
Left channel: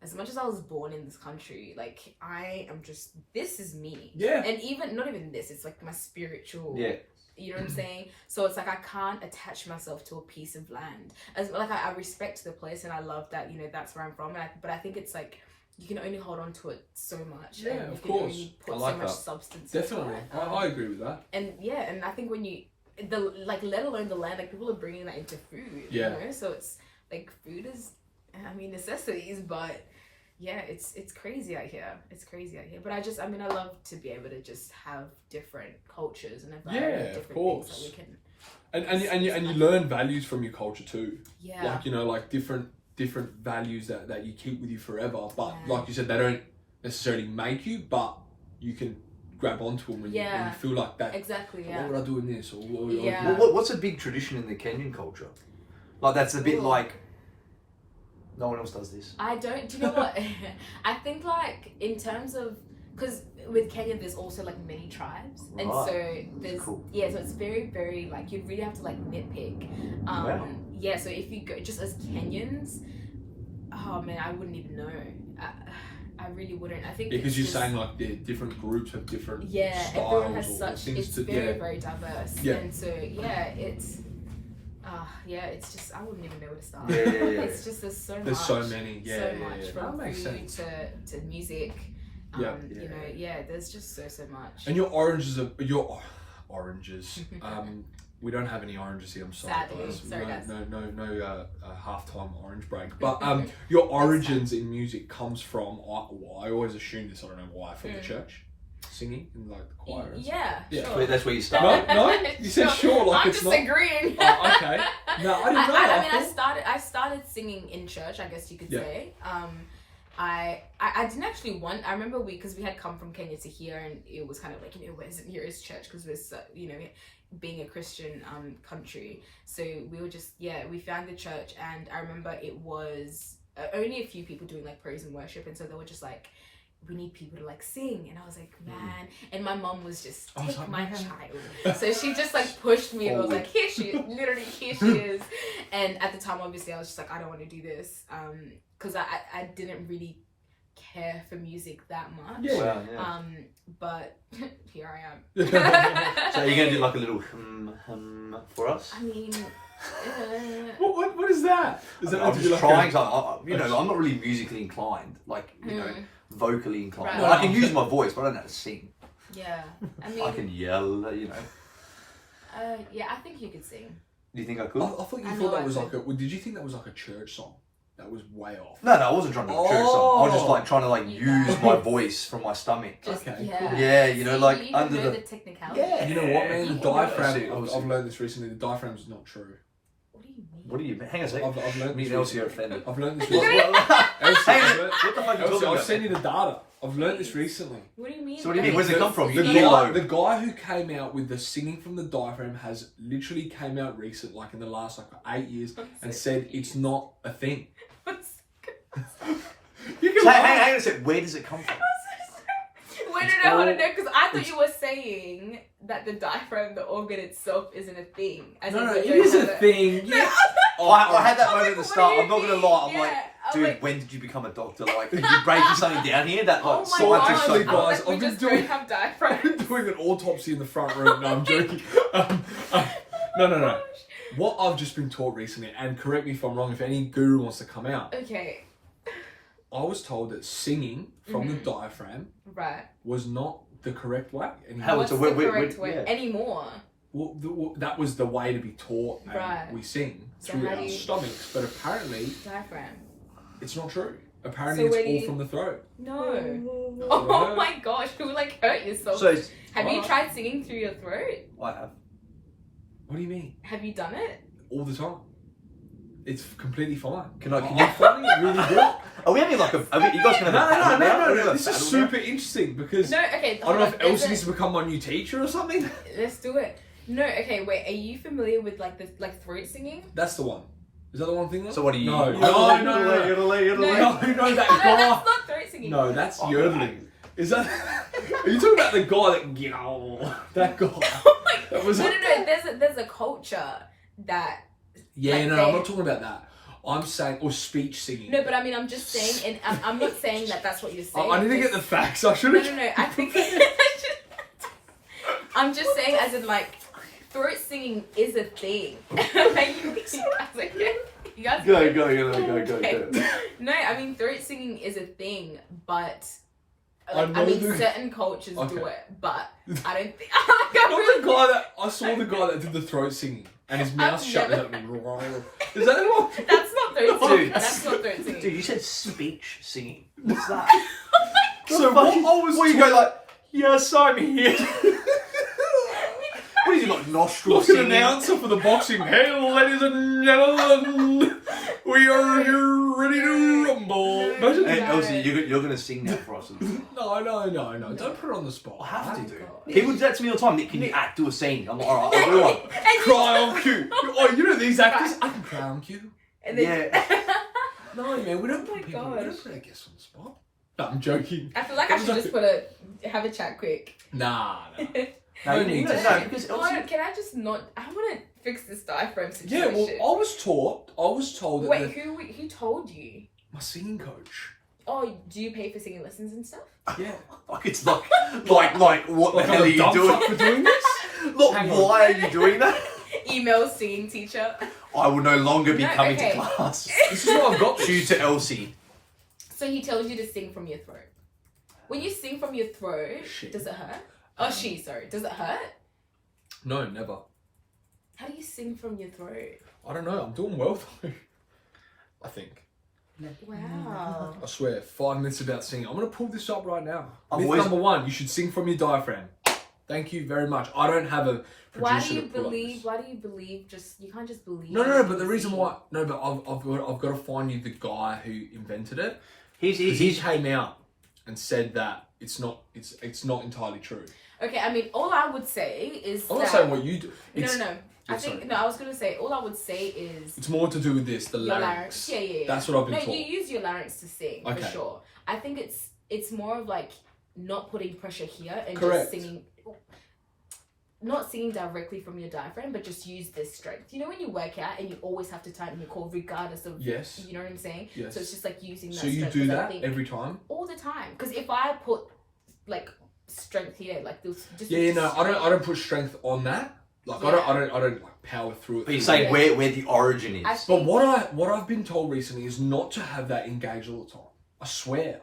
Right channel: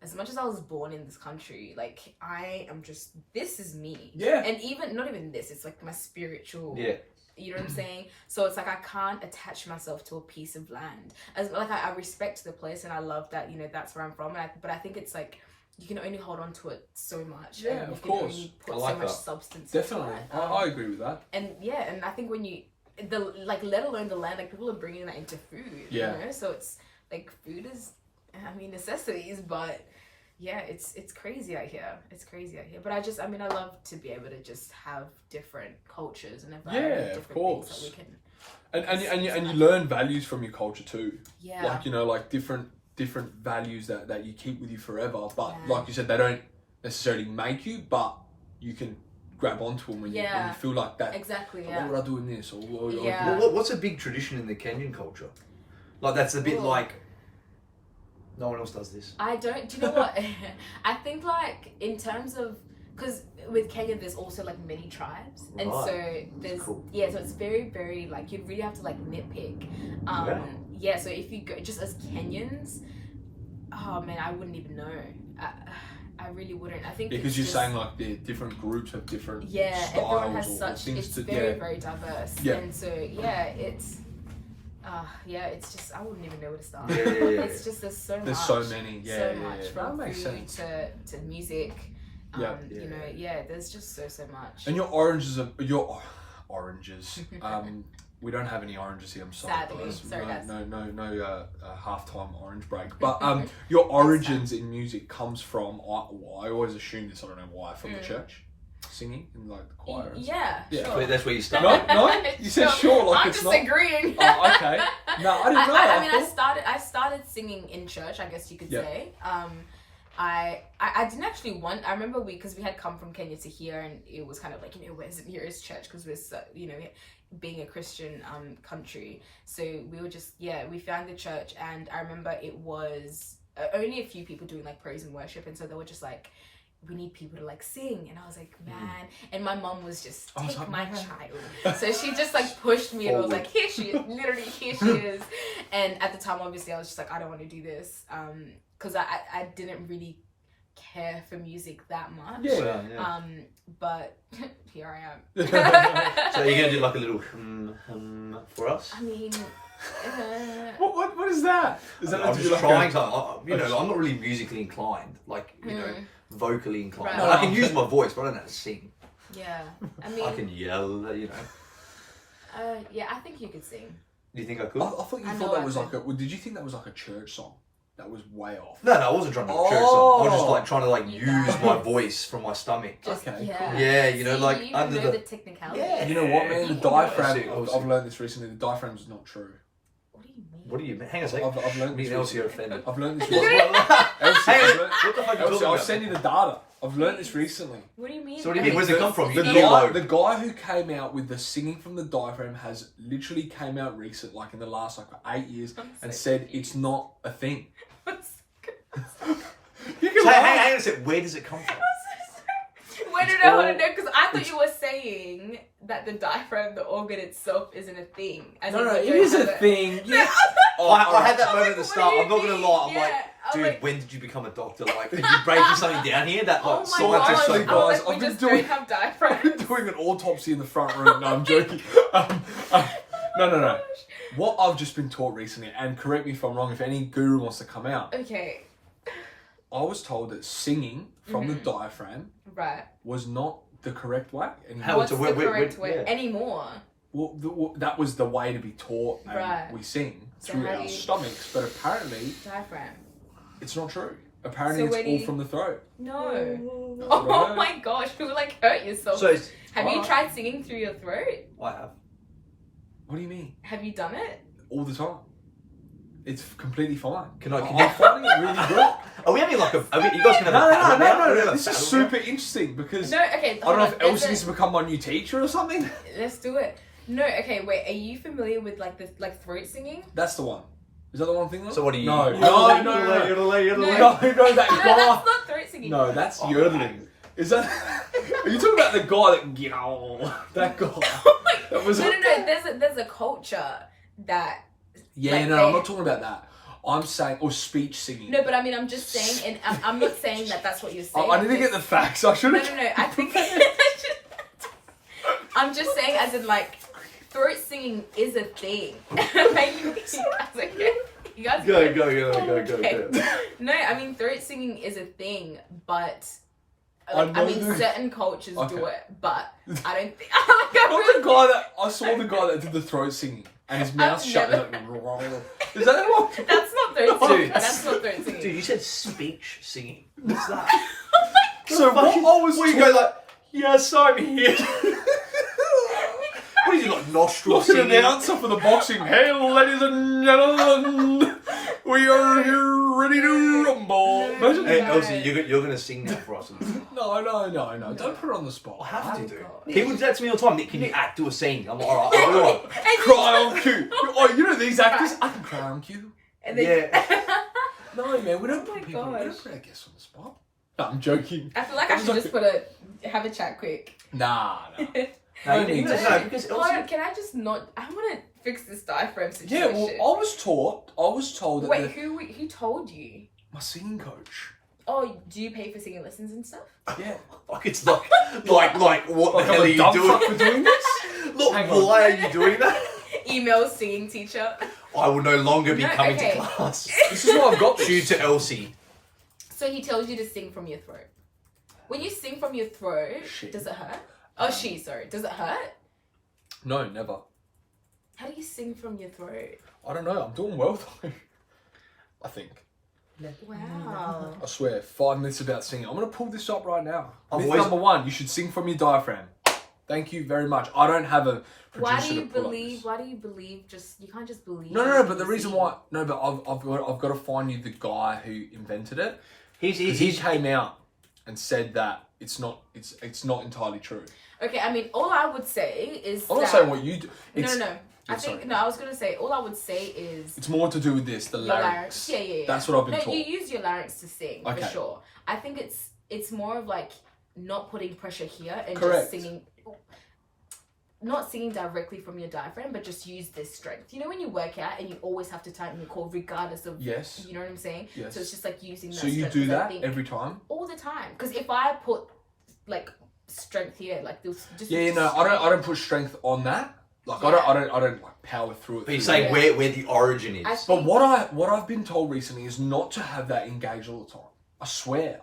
as much as I was born in this country, like I am just, this is me. Yeah. And even not even this, it's like my spiritual. Yeah. You know what I'm saying? So it's like I can't attach myself to a piece of land. As like I respect the place and I love that that's where I'm from. But I think it's like you can only hold on to it so much. Yeah, and you of can course. only put I like so much that. substance Definitely, into it. I agree with that. And yeah, and I think when you let alone the land, like people are bringing that into food. Yeah. So it's like food is, necessities, but. Yeah, it's crazy out here. But I love to be able to just have different cultures and a variety Yeah, of of different things course. that we can. And you learn values from your culture too. Yeah. Like, you know, like different values that you keep with you forever. But like you said, they don't necessarily make you, but you can grab onto them when you feel like that. Exactly. What would I do in this? Or what's a big tradition in the Kenyan culture? Like that's a bit like no one else does this. I don't. Do you know what? I think like in terms of because with Kenya there's also like many tribes, and so there's so it's very very like you'd really have to like nitpick. So if you go just as Kenyans, oh man, I wouldn't even know. I really wouldn't. I think because you're saying like the different groups have different styles everyone has such. Things It's very very diverse, and so it's. It's just I wouldn't even know where to start. It's just there's so many. So much from food to music. There's just so much. And your oranges. We don't have any oranges here. I'm sorry. Sadly, sorry guys. No halftime orange break. But your origins in music comes from. I always assume this. I don't know why. From the church. Singing in like the choir. Sure. That's where you start. No, you said sure. Like I'm it's just agreeing. Oh, okay. No, I didn't know. I started singing in church. I guess you could say. I didn't actually I remember because we had come from Kenya to here, and it was kind of like where's here is church because we're so, being a Christian country. So we were just we found the church, and I remember it was only a few people doing like praise and worship, and so they were just like, we need people to like sing, and I was like, man. And my mom was just take my child, so she just like pushed me and was like, here she is, literally here she is. And at the time obviously I was just like, I don't want to do this because I didn't really care for music that much. But here I am. So you're gonna do like a little for us? I mean what is that? Is that I'm just trying to I'm not really musically inclined, like vocally inclined. Right. I can use my voice, but I don't know how to sing. I mean I can yell, I think you could sing. Do you think I could? I thought you thought that was like did you think that was like a church song? That was way off. No, I wasn't trying to do a church song. I was just like trying to like use my voice from my stomach. Under the technicality. Yeah. You know what, man? The diaphragm. I've learned this recently. The diaphragm's not true. What do you mean? Hang on a second. I've learned Me this and Elsy are recently. offended. I've learned this recently. What the fuck are you talking I'll about? send you the data. I've learned this recently. What do you mean? So what do you mean? Where's it come from? The guy who came out with the singing from the diaphragm has literally came out recent, like in the last 8 years, and said it's not a thing. Hang on a second. Where does it come from? Where did I want to know? Because I thought you were saying that the diaphragm, the organ itself, isn't a thing. No, it is a thing. Yeah. I had that moment at the start. I'm not gonna lie. I'm like, dude, like, when did you become a doctor? Like, did you breaking something down here? That like, oh my gosh. scientifically, I was guys, like, we just don't have diaphragms. I've been doing an autopsy in the front room. No, I'm joking. No. What I've just been taught recently, and correct me if I'm wrong, if any guru wants to come out. Okay. I was told that singing from the diaphragm was not the correct way anymore. What's the correct way anymore? Well, that was the way to be taught, and we sing through our stomachs. But apparently, diaphragm. It's not true. Apparently, it's all from the throat. No. Oh my gosh, you like hurt yourself. So have you tried singing through your throat? I have. What do you mean? Have you done it? All the time. It's completely fine. I'm finding it really good. Are we having like you guys can have a battle now? No. This is super interesting because I don't know if Elsy needs to become my new teacher or something. Let's do it. No, okay, wait. Are you familiar with like the throat singing? That's the one. Is that the one thing? So what are you? No, that's not throat singing. No, that's yodeling. Is that? Are you talking about the guy that guy? Oh my God. No. There's a culture that. Yeah, I'm not talking about that. I'm saying, or speech singing. No, but I mean, I'm just saying, and I'm not saying that that's what you're saying. I need to get the facts. I should have. No. I think. I'm just saying, as in, like, throat singing is a thing. Like, you guys go. Okay. No, I mean, throat singing is a thing, but. Like, I mean, certain cultures do it, but I don't think. I saw the guy that did the throat singing, and his mouth shut. Is that wrong? That's not throat singing. That's not throat singing. Dude, you said speech singing. What's that? So what you go like? Yes, I'm here. What are you, not like nostril Like an singing. announcer for the boxing. Hey, ladies and gentlemen, we are here ready to rumble. Imagine Hey, No. Elsy, you're gonna sing now for us. No. Don't put it on the spot. I have to Oh, do. God. People do that to me all the time. Nick, can you act, do a scene? I'm like, all right, I'll do one. Cry on cue. Oh, you know these actors? I can cry on cue. And then, Yeah. No, man, we don't Oh my put people. We gosh. don't put our guests on the spot. No, I'm joking. I feel like I should just have a chat quick. Nah. No, you need to No, know because Hold Elsy. on, can I just not? I want to fix this diaphragm Yeah, situation. well, I was told that Wait, who told you? my singing coach. Oh, do you pay for singing lessons and stuff? Yeah. Like it's like what Like the hell I'm are a you dumb doing? fuck for doing this? Look, Hang on. why are you doing that? Email singing teacher. I will no longer be No, coming okay. to class. This is what I've got. Tutor Elsy. So he tells you to sing from your throat. When you sing from your throat, She. does it hurt? Oh, sorry. Does it hurt? No, never. How do you sing from your throat? I don't know. I'm doing well though. I think. Wow. I swear. 5 minutes about singing. I'm gonna pull this up right now. I've Myth always- number 1: you should sing from your diaphragm. Thank you very much. I don't have a producer Why do you to pull up believe? this. Why do you believe? You can't just believe. No. But you the reason see. why, no, but I've got to find you the guy who invented it. He's He came out and said that it's not entirely true. Okay, I mean, all I would say is I'm that. not saying what you do. No. I Oh, think sorry. no. I was gonna say all I would say is It's more to do with this, the your larynx. Yeah. That's what I've been No, taught. you use your larynx to sing for Okay. sure. I think it's more of like not putting pressure here and Correct. just singing. Not singing directly from your diaphragm, but just use this strength. You know when you work out and you always have to tighten your core regardless of. Yes. You know what I'm saying? Yes. So it's just like using that. So you strength, do 'cause I that think every time? all the time. Because if I put like strength here, like this, just Yeah, no, I strength. don't put strength on that. Like Yeah. I don't like power through it. But you're saying Yeah. where the origin is. I But think- what I've been told recently is not to have that engaged all the time. I swear.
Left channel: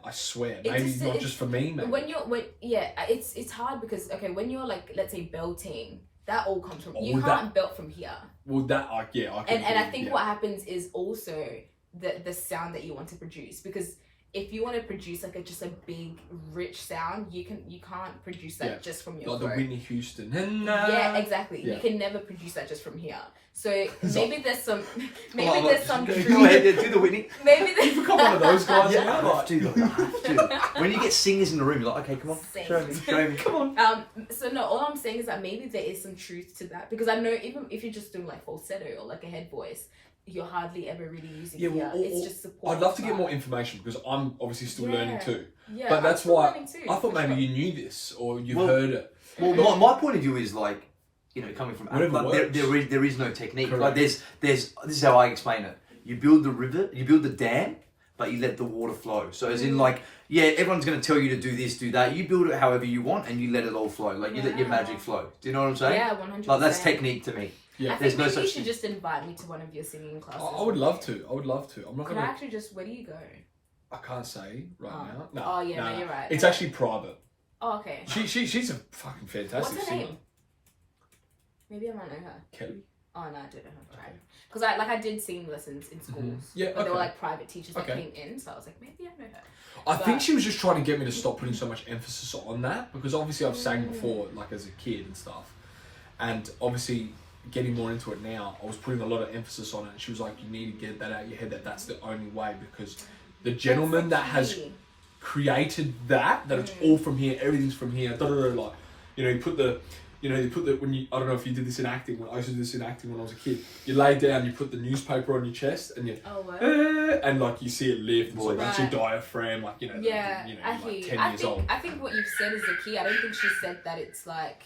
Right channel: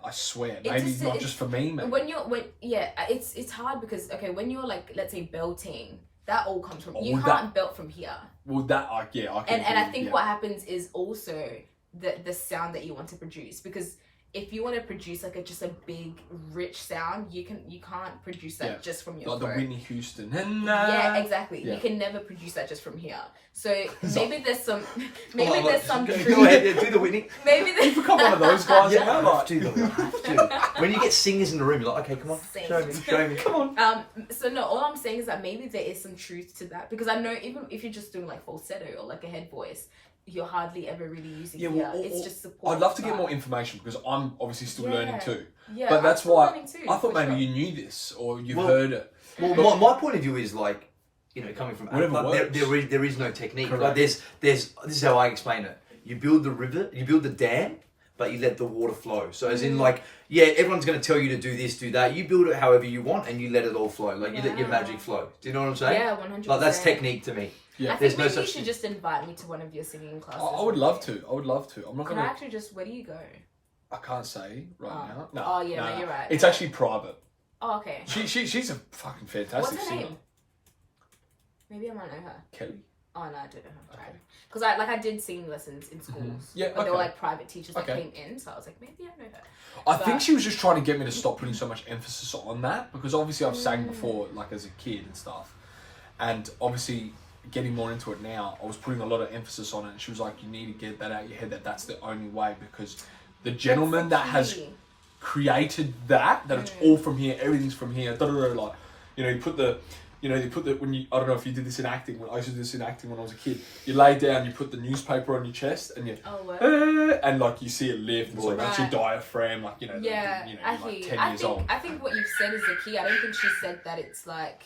Maybe not just for me, maybe. It's hard because okay, when you're like, let's say belting, that all comes from you Well, can't belt from here. Well, that I can And I do, think yeah. what happens is also the sound that you want to produce, because if you want to produce like just a big rich sound, you can't produce that Yeah. just from your like the throat. Whitney Houston. Yeah, exactly. Yeah. You can never produce that just from here. So So- maybe there's some Come on, there's some Go truth. ahead, yeah, do the Whitney. Maybe You there's become one of those guys. Yeah, now, I like- have to. Though, I have to. When you get singers in the room, you're like, okay, come on, Sing. show me. Come on. So no, all I'm saying is that maybe there is some truth to that, because I know even if you're just doing like falsetto or like a head voice, you're hardly ever really using Yeah, well, here. It's just support. I'd love to get but- more information because I'm obviously still Yeah. learning too. Yeah, But I'm that's still why learning too, I thought for maybe sure. you knew this or you've Well, heard it. Well, my point of view is like, you know, coming from Whatever like, works. there is no technique. Correct. Like this is how I explain it. You build the river, you build the dam, but you let the water flow. So as in like, yeah, everyone's going to tell you to do this, do that. You build it however you want, and you let it all flow. Like you let your magic flow. Do you know what I'm saying? Yeah, 100%. Like that's technique to me. Yeah. I There's think no maybe you such should thing. just invite me to one of your singing classes. I would love to. I'm not Can I gonna. actually just? Where do you go? I can't say right Oh. now. Oh, yeah, no, you're right. It's actually private. Oh, okay. She's a fucking fantastic What's her singer. name? Maybe I might know her. Kelly. Oh no, I don't know her. Because I did singing lessons in schools. Yeah, but they were okay. like private teachers that Okay. came in, so I was like, maybe I know her. I think But- she was just trying to get me to stop putting so much emphasis on that because obviously I've sang before, like as a kid and stuff, and obviously getting more into it now, I was putting a lot of emphasis on it. And she was like, "You need to get that out of your head. That's the only way because the gentleman that That's has the key. created that it's all from here, everything's from here. Da, da, da, like, you put the." when you, I don't know if you did this in acting, when I used to do this in acting when I was a kid, you lay down, you put the newspaper on your chest and you, Oh, what? and like you see it lift, and so that's your Right. diaphragm, like, Yeah, I you're hear like you. 10 years old. I think what you've said is the key. I don't think she said that it's like,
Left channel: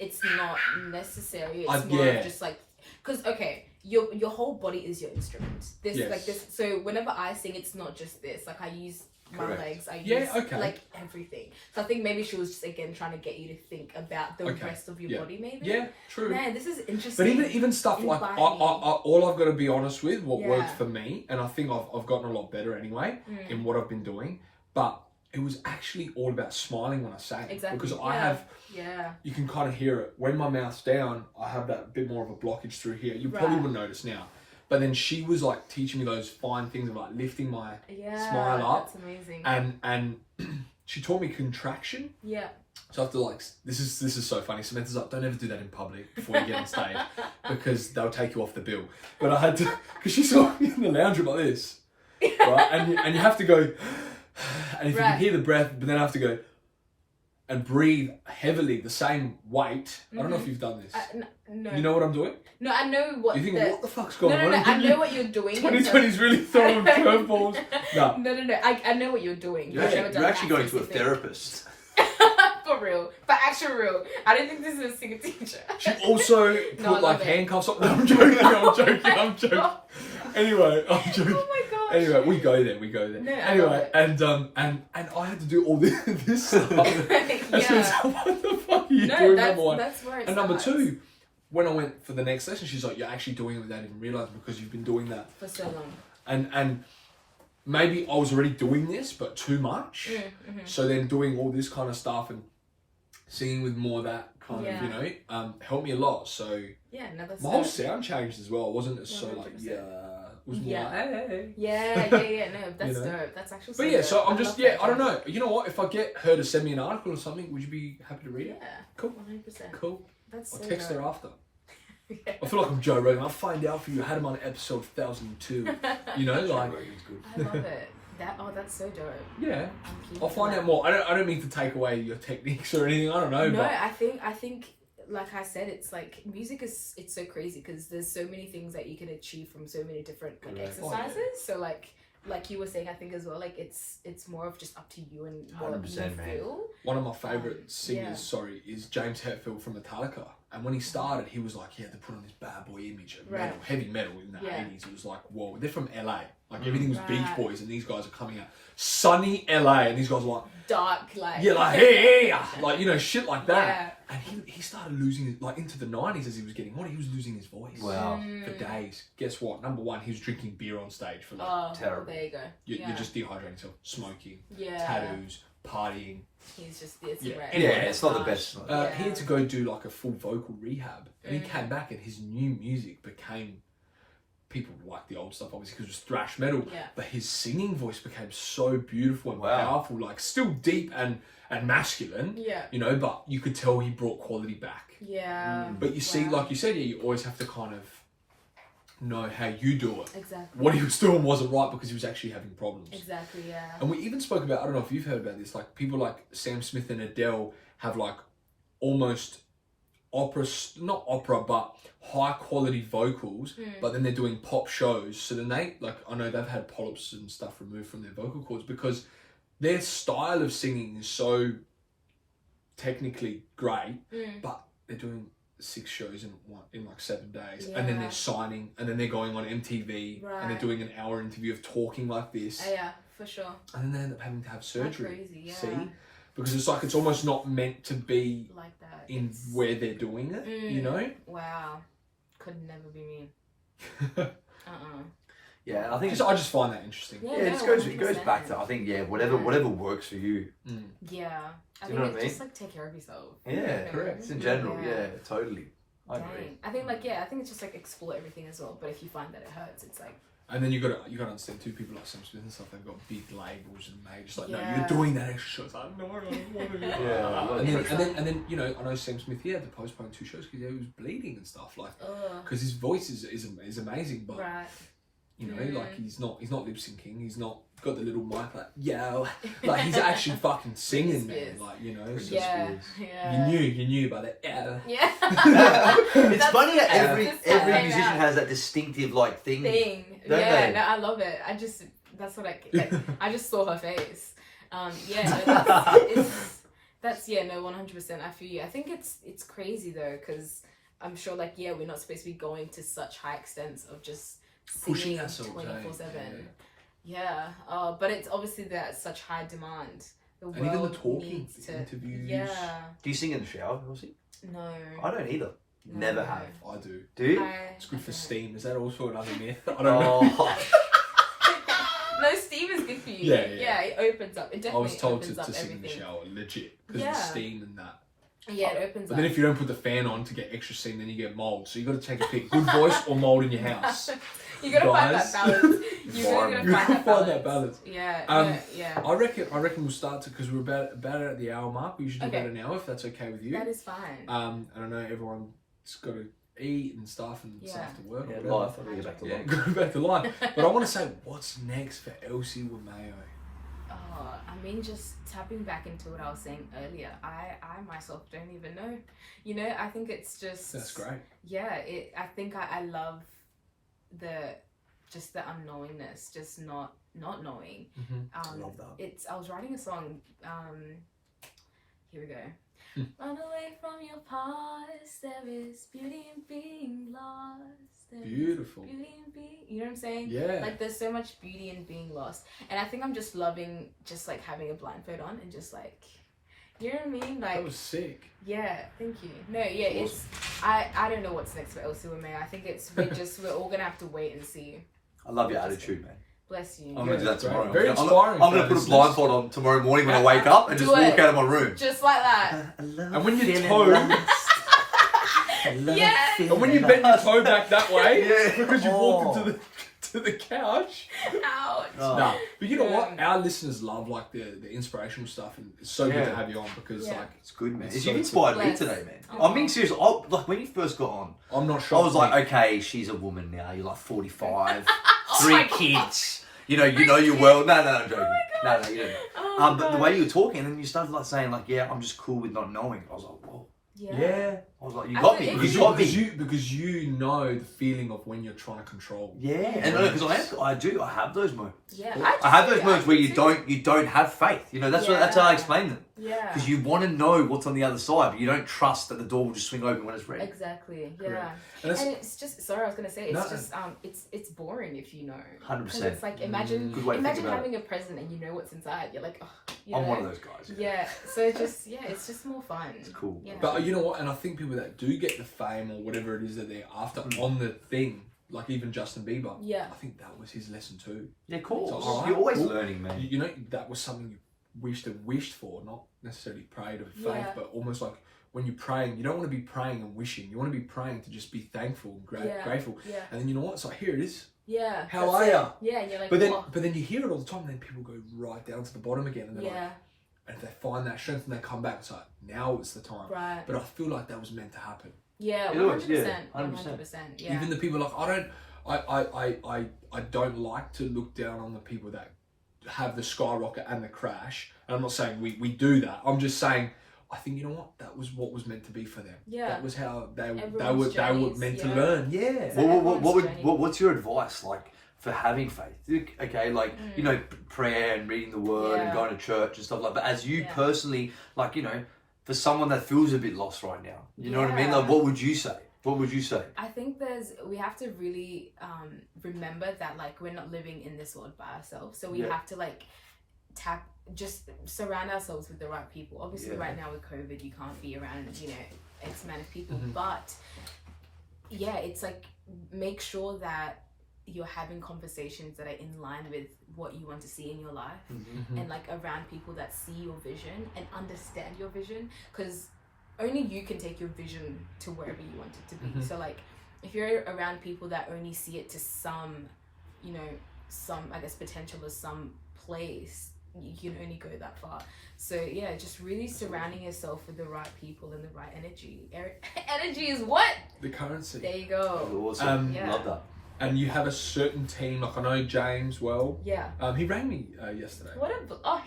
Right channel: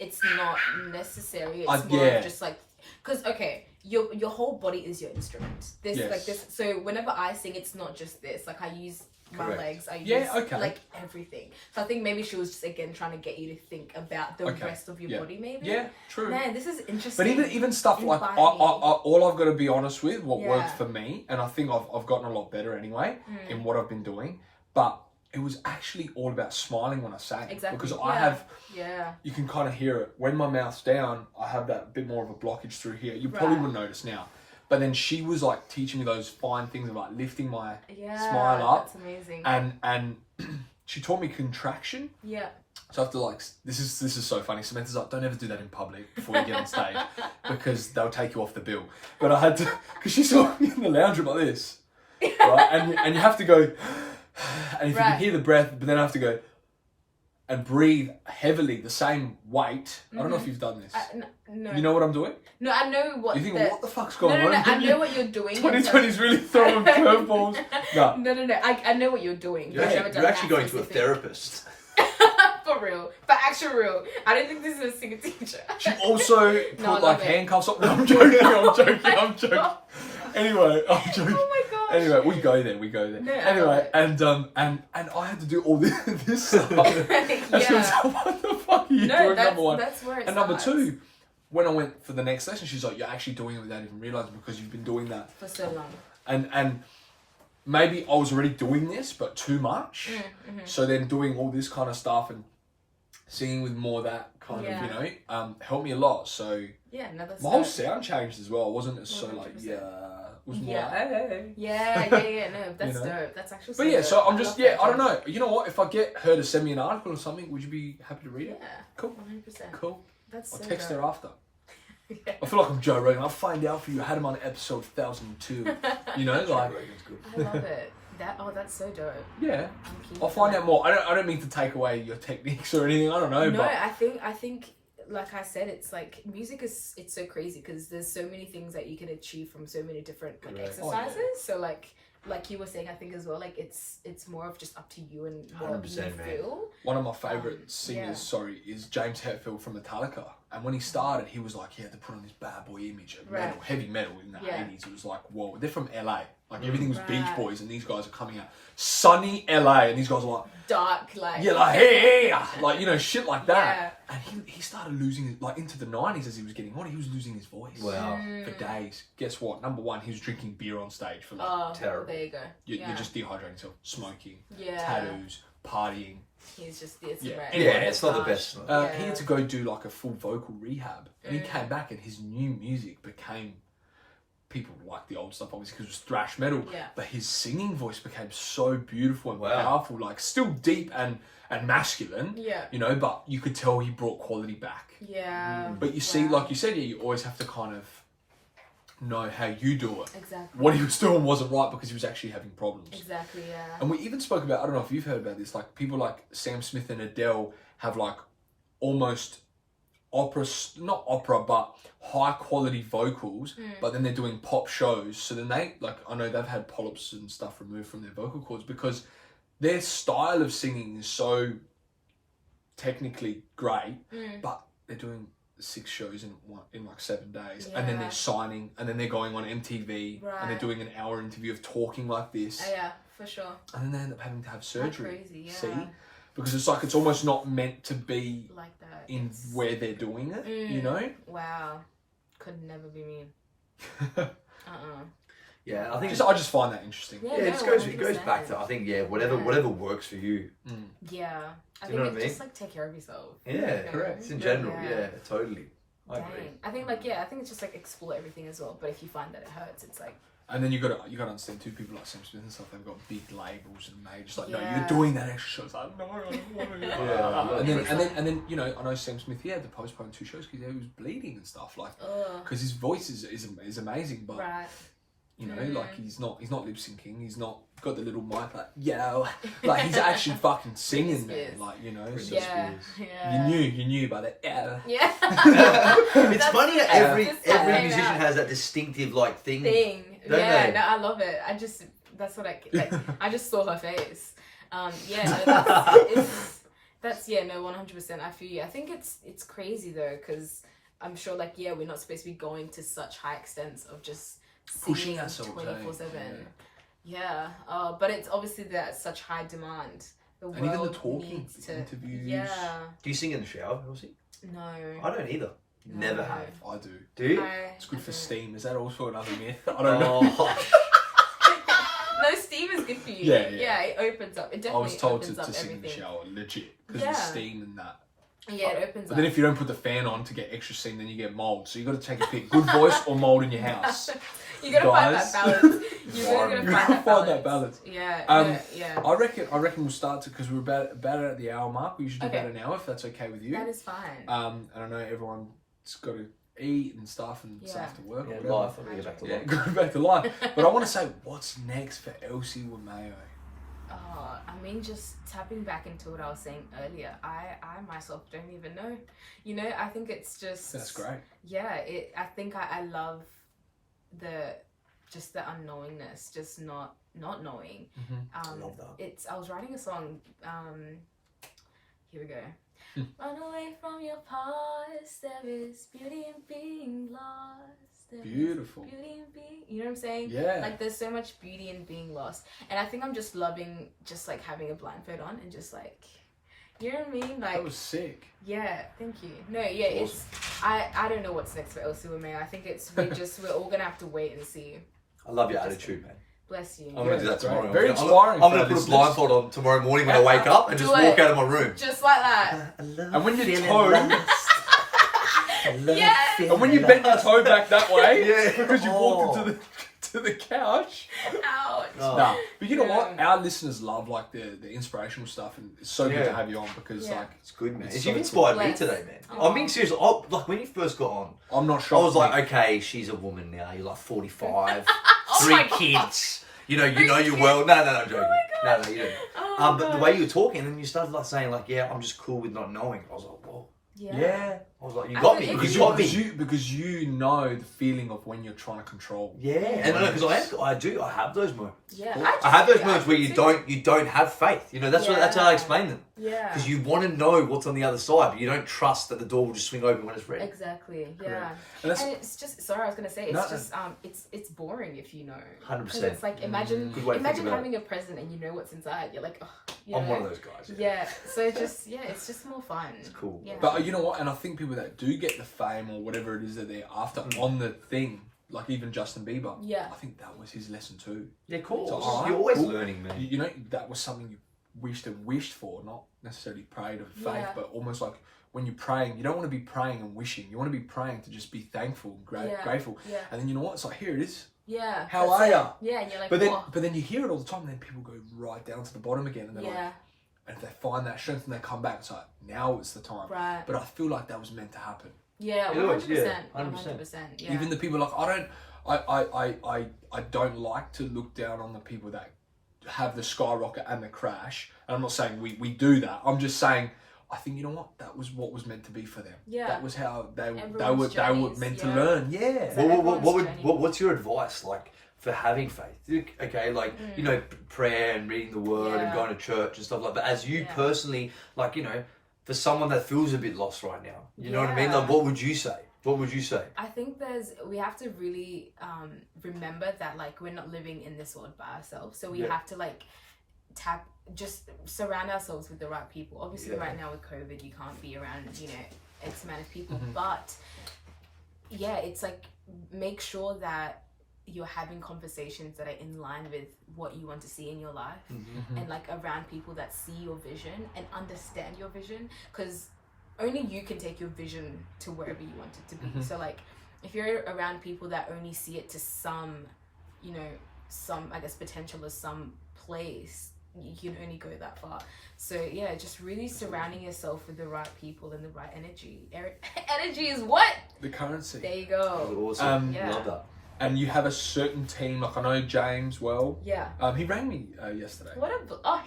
it's not necessary. It's more yeah. of just like, because okay, your whole body is your instrument. This Yes. like this. So whenever I sing, it's not just this. Like I use my Correct. legs. I use Yeah, okay. like everything. So I think maybe she was just again trying to get you to think about the Okay. rest of your Yeah. body. Maybe. Yeah, true. Man, this is interesting. But even stuff like Invite I, me. all I've got to be honest with what Yeah. worked for me, and I think I've gotten a lot better anyway in what I've been doing. But it was actually all about smiling when I sang. Exactly. Because I Yeah. have, Yeah. you can kind of hear it when my mouth's down. I have that bit more of a blockage through here. You probably Right. wouldn't notice now, But then she was like teaching me those fine things of like lifting my smile up. That's amazing. And she taught me contraction. Yeah. So I have to like, this is so funny. Samantha's like, don't ever do that in public before you get on stage because they'll take you off the bill. But I had to, because she saw me in the lounge room like this, right? And you have to go, and if you can hear the breath, but then I have to go and breathe heavily, the same weight. I don't know if you've done this. No. You know what I'm doing? No, I know what. You think, what the fuck's going on? No, I know what you're doing. 2020's really throwing curveballs. No. I know what you're doing. You're actually going to a therapist. For real. For actual real. I don't think this is a single teacher. She also put like handcuffs on. No, I'm joking. Anyway, I'm joking. Oh my gosh. Anyway, we go there. No, anyway, and I had to do all this stuff. And she was like, what the fuck are you doing, number one? That's where it and starts. number two, when I went for the next session, she's like, you're actually doing it without even realising because you've been doing that for so long. And maybe I was already doing this, but too much. So then doing all this kind of stuff and singing with more of that kind of, you know, helped me a lot. So my whole sound changed as well. I wasn't as 100%. So like, it was more like, hey. Yeah. No, that's dope. That's actually so But yeah, dope. so I'm just, I don't know. You know what? If I get her to send me an article or something, would you be happy to read it? Yeah. Cool. 100%. Cool. That's so I'll text dope. her after. I feel like I'm Joe Rogan. I'll find out for you. I had him on episode 1002. You know, like. I love it. That's so dope. Yeah. I'll find out more. I don't mean to take away your techniques or anything. I don't know. No, but I think like I said, it's like music it's so crazy because there's so many things that you can achieve from so many different like exercises. So like you were saying, I think as well, like it's more of just up to you and what you feel. One of my favourite singers, is James Hetfield from Metallica. And when he started, he was like, he had to put on this bad boy image of metal, heavy metal in the 80s. It was like, whoa, they're from LA. Like everything was Beach Boys and these guys are coming out. Sunny LA and these guys are like... dark, like... Yeah, like, hey, like, you know, shit like that. Yeah. And he started losing it, like into the 90s as he was getting older, he was losing his voice. Wow. For days. Guess what? Number one, he was drinking beer on stage for like... terrible. There you go. You're just dehydrating yourself. Smoking. Tattoos. Partying. He's just it's it's not the best. He had to go do like a full vocal rehab, and he came back, and his new music became people like the old stuff obviously because it was thrash metal. But his singing voice became so beautiful and powerful, like still deep and masculine. You know, but you could tell he brought quality back. But you see, like you said, you always have to kind of know how you do it. Exactly. What he was doing wasn't right because he was actually having problems. Exactly, yeah. And we even spoke about, I don't know if you've heard about this, like people like Sam Smith and Adele have like almost not opera, but high quality vocals, but then they're doing pop shows. So then they, like, I know they've had polyps and stuff removed from their vocal cords because their style of singing is so technically great, but they're doing 6 shows in like 7 days, and then they're signing, and then they're going on MTV, and they're doing an hour interview of talking like this. Yeah, for sure. And then they end up having to have surgery. That's crazy, See, because it's like it's almost not meant to be like that in where they're doing it. You know? Wow, could never be me. Yeah, I think I just find that interesting. It goes back to, I think, whatever works for you. Yeah. I think it's just like take care of yourself. Yeah, correct. It's in general, totally. I agree. I think I think it's just like explore everything as well. But if you find that it hurts, it's like. And then you gotta understand too, people like Sam Smith and stuff, they've got big labels and they just like, no, you're doing that extra show. It's like, no, I don't want to do that. And then you know, I know Sam Smith, he had to postpone 2 shows because he was bleeding and stuff, like, because his voice is amazing, but you know, like he's not lip syncing, he's not got the little mic like, yo, like he's actually fucking singing there, like, you know. So you knew by that. Yeah. It's funny that every musician has that distinctive like thing. No, I love it. That's what I just saw her face. That's 100%. I feel you. I think it's crazy though, because I'm sure like we're not supposed to be going to such high extents of just singing 24/7. Yeah, but it's obviously that such high demand. The world even the talking needs to interviews. Do you sing in the shower, Elsy? No. I don't either. No. Never have. I do. Do you? It's good for steam. Is that also another myth? I don't know. No, steam is good for you. Yeah, it opens up. It definitely opens up everything. I was told to sing in the shower, legit, because the steam and that. Yeah, it opens But up. then if you don't put the fan on to get extra steam, then you get mold. So you got to take a pick: good voice or mold in your house. You gotta find that balance. You really gotta find that balance. Yeah. Yeah. I reckon we'll start to, because we're about at the hour mark. We usually do about an hour, if that's okay with you. That is fine. And I know everyone's got to eat and stuff and stuff to work. Yeah, life. I'll get back to life. Go back to life. But I want to say, what's next for Elsy Wameyo? I mean, just tapping back into what I was saying earlier, I myself don't even know. You know, I think it's just... That's great. Yeah, I think I love the unknowingness, just not knowing. I love that. I was writing a song, here we go. Run away from your past, there is beauty in being lost. Beautiful. Beauty in being, you know what I'm saying? Yeah. Like there's so much beauty in being lost. And I think I'm just loving just like having a blindfold on and just like, you know what I mean? Like, that was sick. Yeah, thank you. No, yeah, awesome. It's, I don't know what's next for Elsy Wameyo. I think we're all gonna have to wait and see. I love your attitude, man. Bless you. I'm going to do that tomorrow. Very inspiring. I'm going to put a blindfold on tomorrow morning when I wake up and just walk out of my room. Just like that. And when your toe... Yeah. And when you bend your toe back that way, because you walked into the couch. Ouch. Nah, but you know what? Our listeners love like the inspirational stuff, and it's so good to have you on because like it's good, man. It's You've inspired me today, man. I'm being serious. Like when you first got on, I'm not sure. I was like, okay, she's a woman now. You're like 45, 3 kids. You know you're well. No, I'm joking. No, you don't. But the way you were talking, and you started like saying like, yeah, I'm just cool with not knowing. I was like, whoa. Yeah. I was like, you got me. Because you know the feeling of when you're trying to control. Yeah, and because I have those moments. Yeah, I have those moments where you don't have faith. You know, that's how I explain them. Yeah. Because you want to know what's on the other side, but you don't trust that the door will just swing open when it's ready. Exactly. Yeah. And it's just sorry, I was gonna say it's boring if you know. 100%. It's like imagine having a present and you know what's inside. You're like, oh, you know? I'm one of those guys. Yeah. So it's just more fun. It's cool. Yeah. But you know what? And I think people that do get the fame or whatever it is that they're after on the thing, like even Justin Bieber. Yeah. I think that was his lesson too. Yeah, cool. So, you're always learning, man. You know, that was something you wished for, not necessarily prayed of faith, but almost like when you're praying, you don't want to be praying and wishing. You want to be praying to just be thankful and grateful. Yeah. And then you know what? It's like, here it is. Yeah. How are you? Yeah, and you're like, but then you hear it all the time, and then people go right down to the bottom again, and they're like, and if they find that strength and they come back, it's like, now it's the time. Right. But I feel like that was meant to happen. Yeah, 100%. 100%. Yeah. Even the people I don't like to look down on the people that have the skyrocket and the crash. And I'm not saying we do that. I'm just saying I think, you know what, that was what was meant to be for them. Yeah. That was how they were meant to learn. Yeah. What's your advice like for having faith? Okay, like you know, prayer and reading the word and going to church and stuff like that. But as you personally, like, you know, for someone that feels a bit lost right now, you know what I mean? Like, what would you say? What would you say? I think we have to really remember that like we're not living in this world by ourselves. So we have to like just surround ourselves with the right people. Obviously right now with COVID you can't be around, you know, X amount of people. But yeah, it's like make sure that you're having conversations that are in line with what you want to see in your life and like around people that see your vision and understand your vision, because only you can take your vision to wherever you want it to be. So like if you're around people that only see it to some, you know, some I guess potential or some place, you can only go that far. So yeah, just really surrounding yourself with the right people and the right energy. Energy is what? The currency. There you go. That's awesome. Love that. And you have a certain team, like I know James well. Yeah. He rang me yesterday.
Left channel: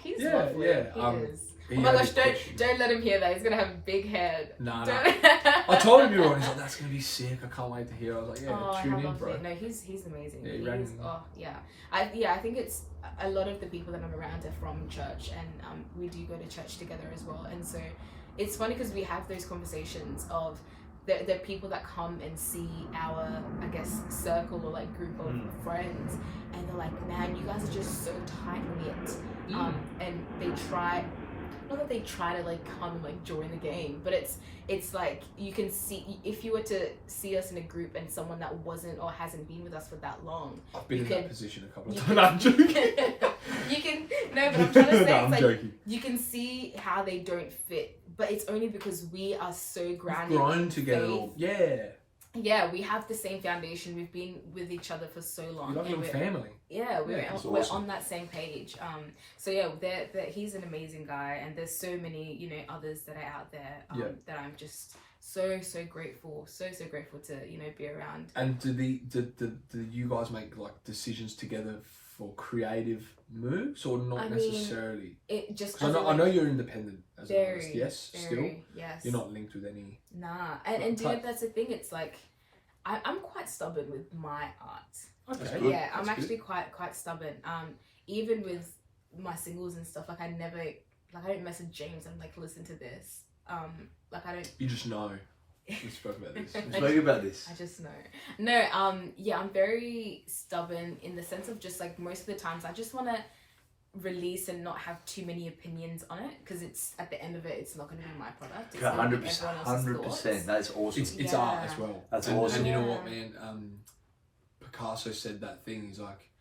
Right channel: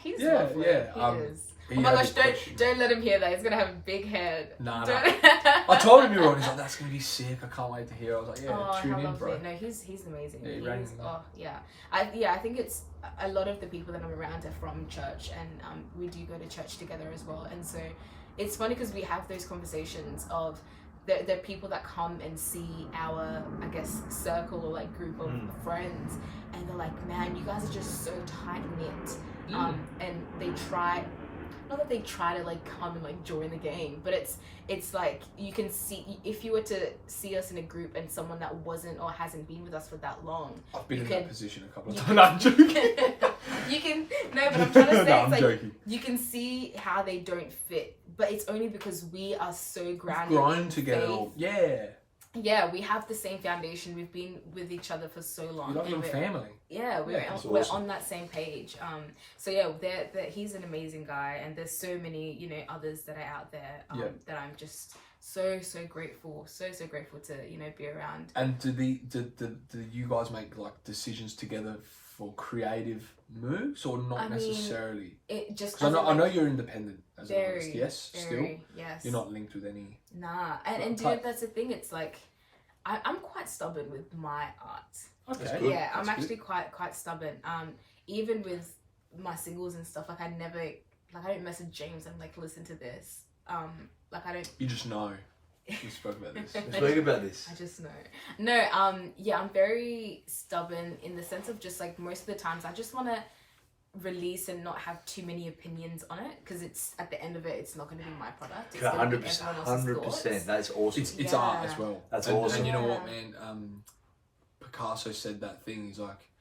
He's lovely. Yeah. He is. Oh my gosh, don't let him hear that. He's gonna have a big head. Nah. I told him you were on. He's like, that's gonna be sick. I can't wait to hear. I was like, tune in, bro. No, he's amazing. Yeah, I think it's a lot of the people that I'm around are from church, and we do go to church together as well. And so it's funny because we have those conversations of the people that come and see our, I guess, circle or like group of friends, and they're like, man, you guys are just so tight knit. And they try. Not that they try to like come and like join the gang, but it's like you can see if you were to see us in a group and someone that wasn't or hasn't been with us for that long. I've been in that position a couple of times. No, I'm joking. You can but I'm trying to say it's like joking. You can see how they don't fit, but it's only because we are so grounded. We've grown together. Yeah, we have the same foundation. We've been with each other for so long. You're like a family. Yeah, we're awesome. on that same page. So yeah, he's an amazing guy, and there's so many, you know, others that are out there that I'm just so grateful, so grateful to, you know, be around. And do you guys make like decisions together for creative moves, or not necessarily? It just. I know you're independent as an artist. Yes, very, still. Yes. You're not linked with any. Nah, and you know, that's the thing. It's like I'm quite stubborn with my art. Okay. Yeah, I'm actually quite stubborn. Even with my singles and stuff, like I don't message James and like listen to this. Like I don't. You just know. We spoke about this. I just know. No, yeah, I'm very stubborn in the sense of just like most of the times I just want to release and not have too many opinions on it, because it's at the end of it, it's not going to be my product. It's 100%. That's awesome. It's art as well. That's awesome. And you know what, man? Picasso said that thing. He's like,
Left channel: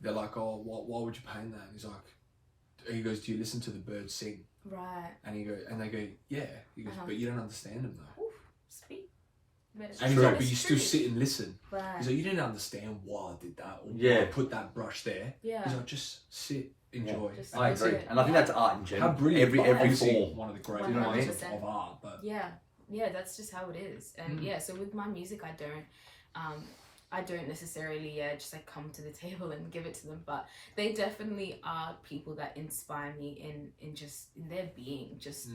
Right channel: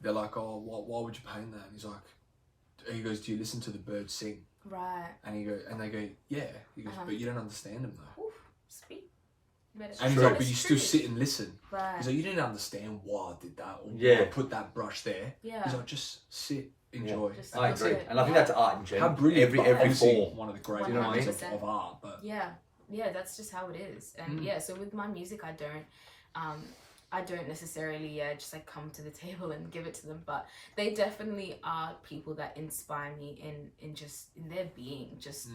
they're like, oh, why would you paint that? And he goes, do you listen to the birds sing? Right. And they go, yeah. He goes, but you don't understand them though. Oof, sweet. And he's like, but you still sit and listen. Right. He's like, you didn't understand why I did that, or why I put that brush there. Yeah. He's like, just sit, enjoy. Just I agree, and I think that's art in general. How brilliant! Every form. One of the greatest forms of art, but yeah, that's just how it is. And so with my music, I don't necessarily just like come to the table and give it to them, but they definitely are people that inspire me in their being, just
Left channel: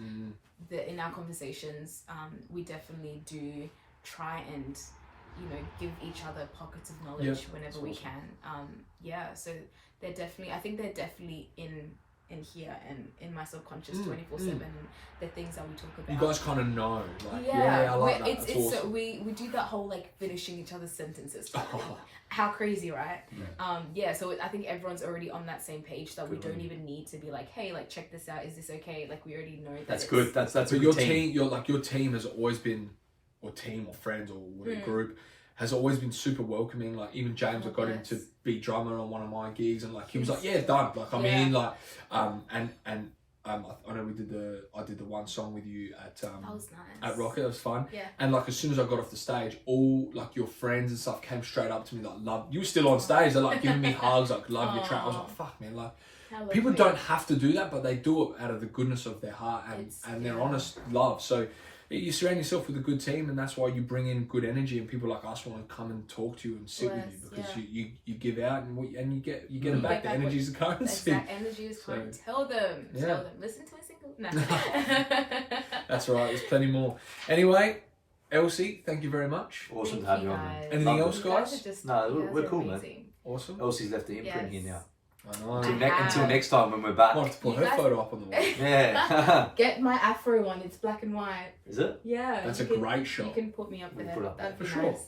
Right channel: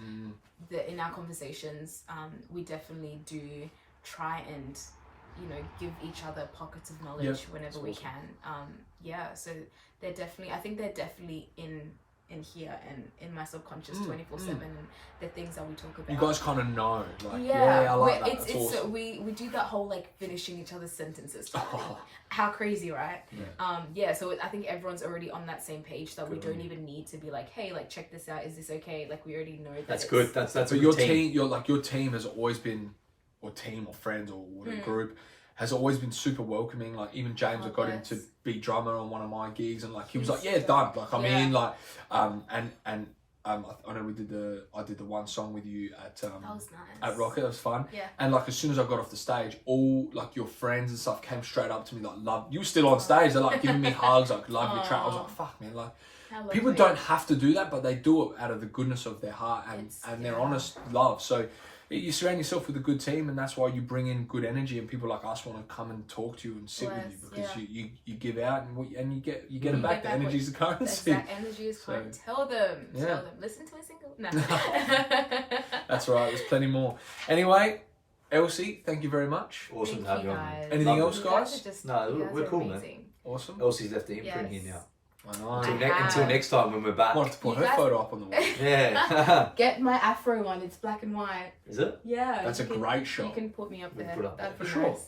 in our conversations. We definitely do try and, you know, give each other pockets of knowledge whenever we can. So they're definitely, I think they're definitely in here and in my subconscious 24/7, and the things that we talk about. You guys kind of know, like, I like that. It's awesome. So we do that whole like finishing each other's sentences. How crazy, right? So I think everyone's already on that same page that we don't even need to be like, hey, like check this out, is this okay? Like we already know that. That's good. That's a good team. Your team has always been, or team or friends or whatever group, has always been super welcoming. Like even James, I got him to be drummer on one of my gigs, and like he was like, yeah, done. Like I'm in. Like I know I did the one song with you at that was nice. at Rocket. That was fun. Yeah. And like as soon as I got off the stage, all like your friends and stuff came straight up to me like, love. You were still on stage. They're like giving me hugs, like love your track. I was like, fuck man, like. People don't have to do that, but they do it out of the goodness of their heart and their honest love. So you surround yourself with a good team, and that's why you bring in good energy, and people like us want to come and talk to you and sit with you, because you give out and you get it back. The energy is the currency. That energy is currency. Tell them. Listen to my single. No. That's right. There's plenty more. Anyway, Elsy, thank you very much. Awesome to have you on. Anything else, guys? No, we're cool, man. Awesome. Elsy's left the imprint here now. I know. Until next time when we're back. I want to put her photo up on the wall. Yeah. Get my afro one. It's black and white. Is it? Yeah. That's a great shot. You can put me up there. That'd be for nice.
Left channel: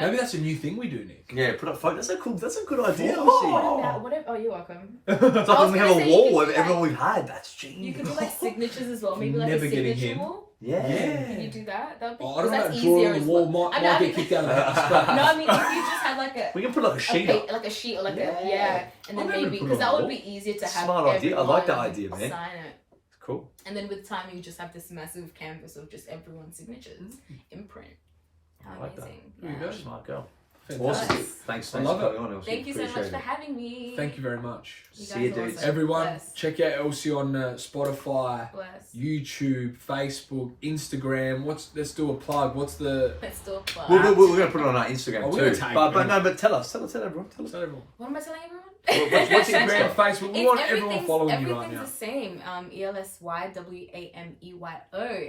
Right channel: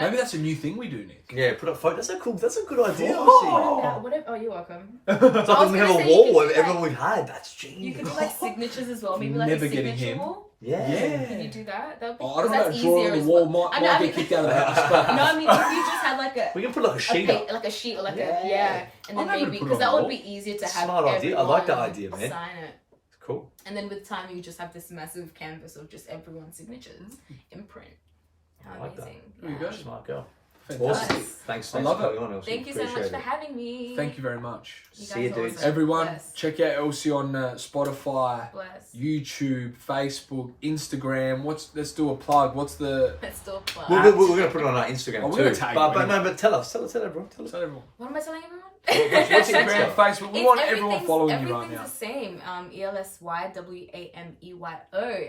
Maybe that's a new thing we do, Nick. Yeah, put up photo. That's a good idea. Oh, you're welcome. It's like when we have a wall of everyone we've had. That's genius. You can do like signatures as well. Maybe like a signature wall. Yeah. Can you do that? That'd be. I don't know. Drawing on the wall might get kicked out of that. No, I mean if you just had like a. We can put like a sheet like a sheet or like and then maybe because that would be easier to have. Smart idea. I like that idea, man. Sign it. Cool. And then with time, you just have this massive canvas of just everyone's signatures, imprint. How amazing! There you go, smart girl. Awesome. Thanks for coming on, Elsy. Thank you so much for having me. Thank you very much. See you, dudes. Everyone, check out Elsy on Spotify, YouTube, Facebook, Instagram. Let's do a plug. Let's do a plug. We're going to put it on our Instagram too. But tell everyone. Tell everyone. What am I telling everyone? What's Instagram, Facebook? We want everyone following you right now. Everything's the same. ElsyWameyo,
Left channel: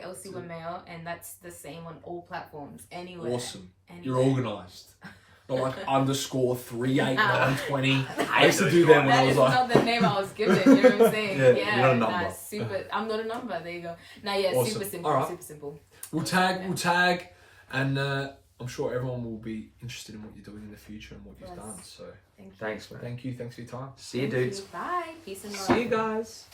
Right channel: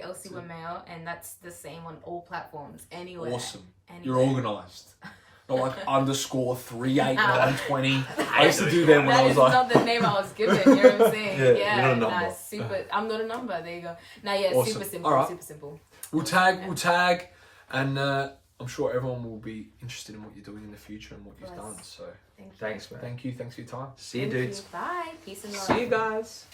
Elsy Wameyo, and that's the same on all platforms. Anywhere. Awesome. You're organised. Not like _38920. I used to do that when I was like. That is not the name I was given. You know what I'm saying? You're not a number. Super. I'm not a number. There you go. Awesome. Super simple. Right. Super simple. We'll tag, and I'm sure everyone will be interested in what you're doing in the future and what you've done. So thanks, man. Thank you. Thanks for your time. See you, dudes. Bye. Peace and love. See you guys.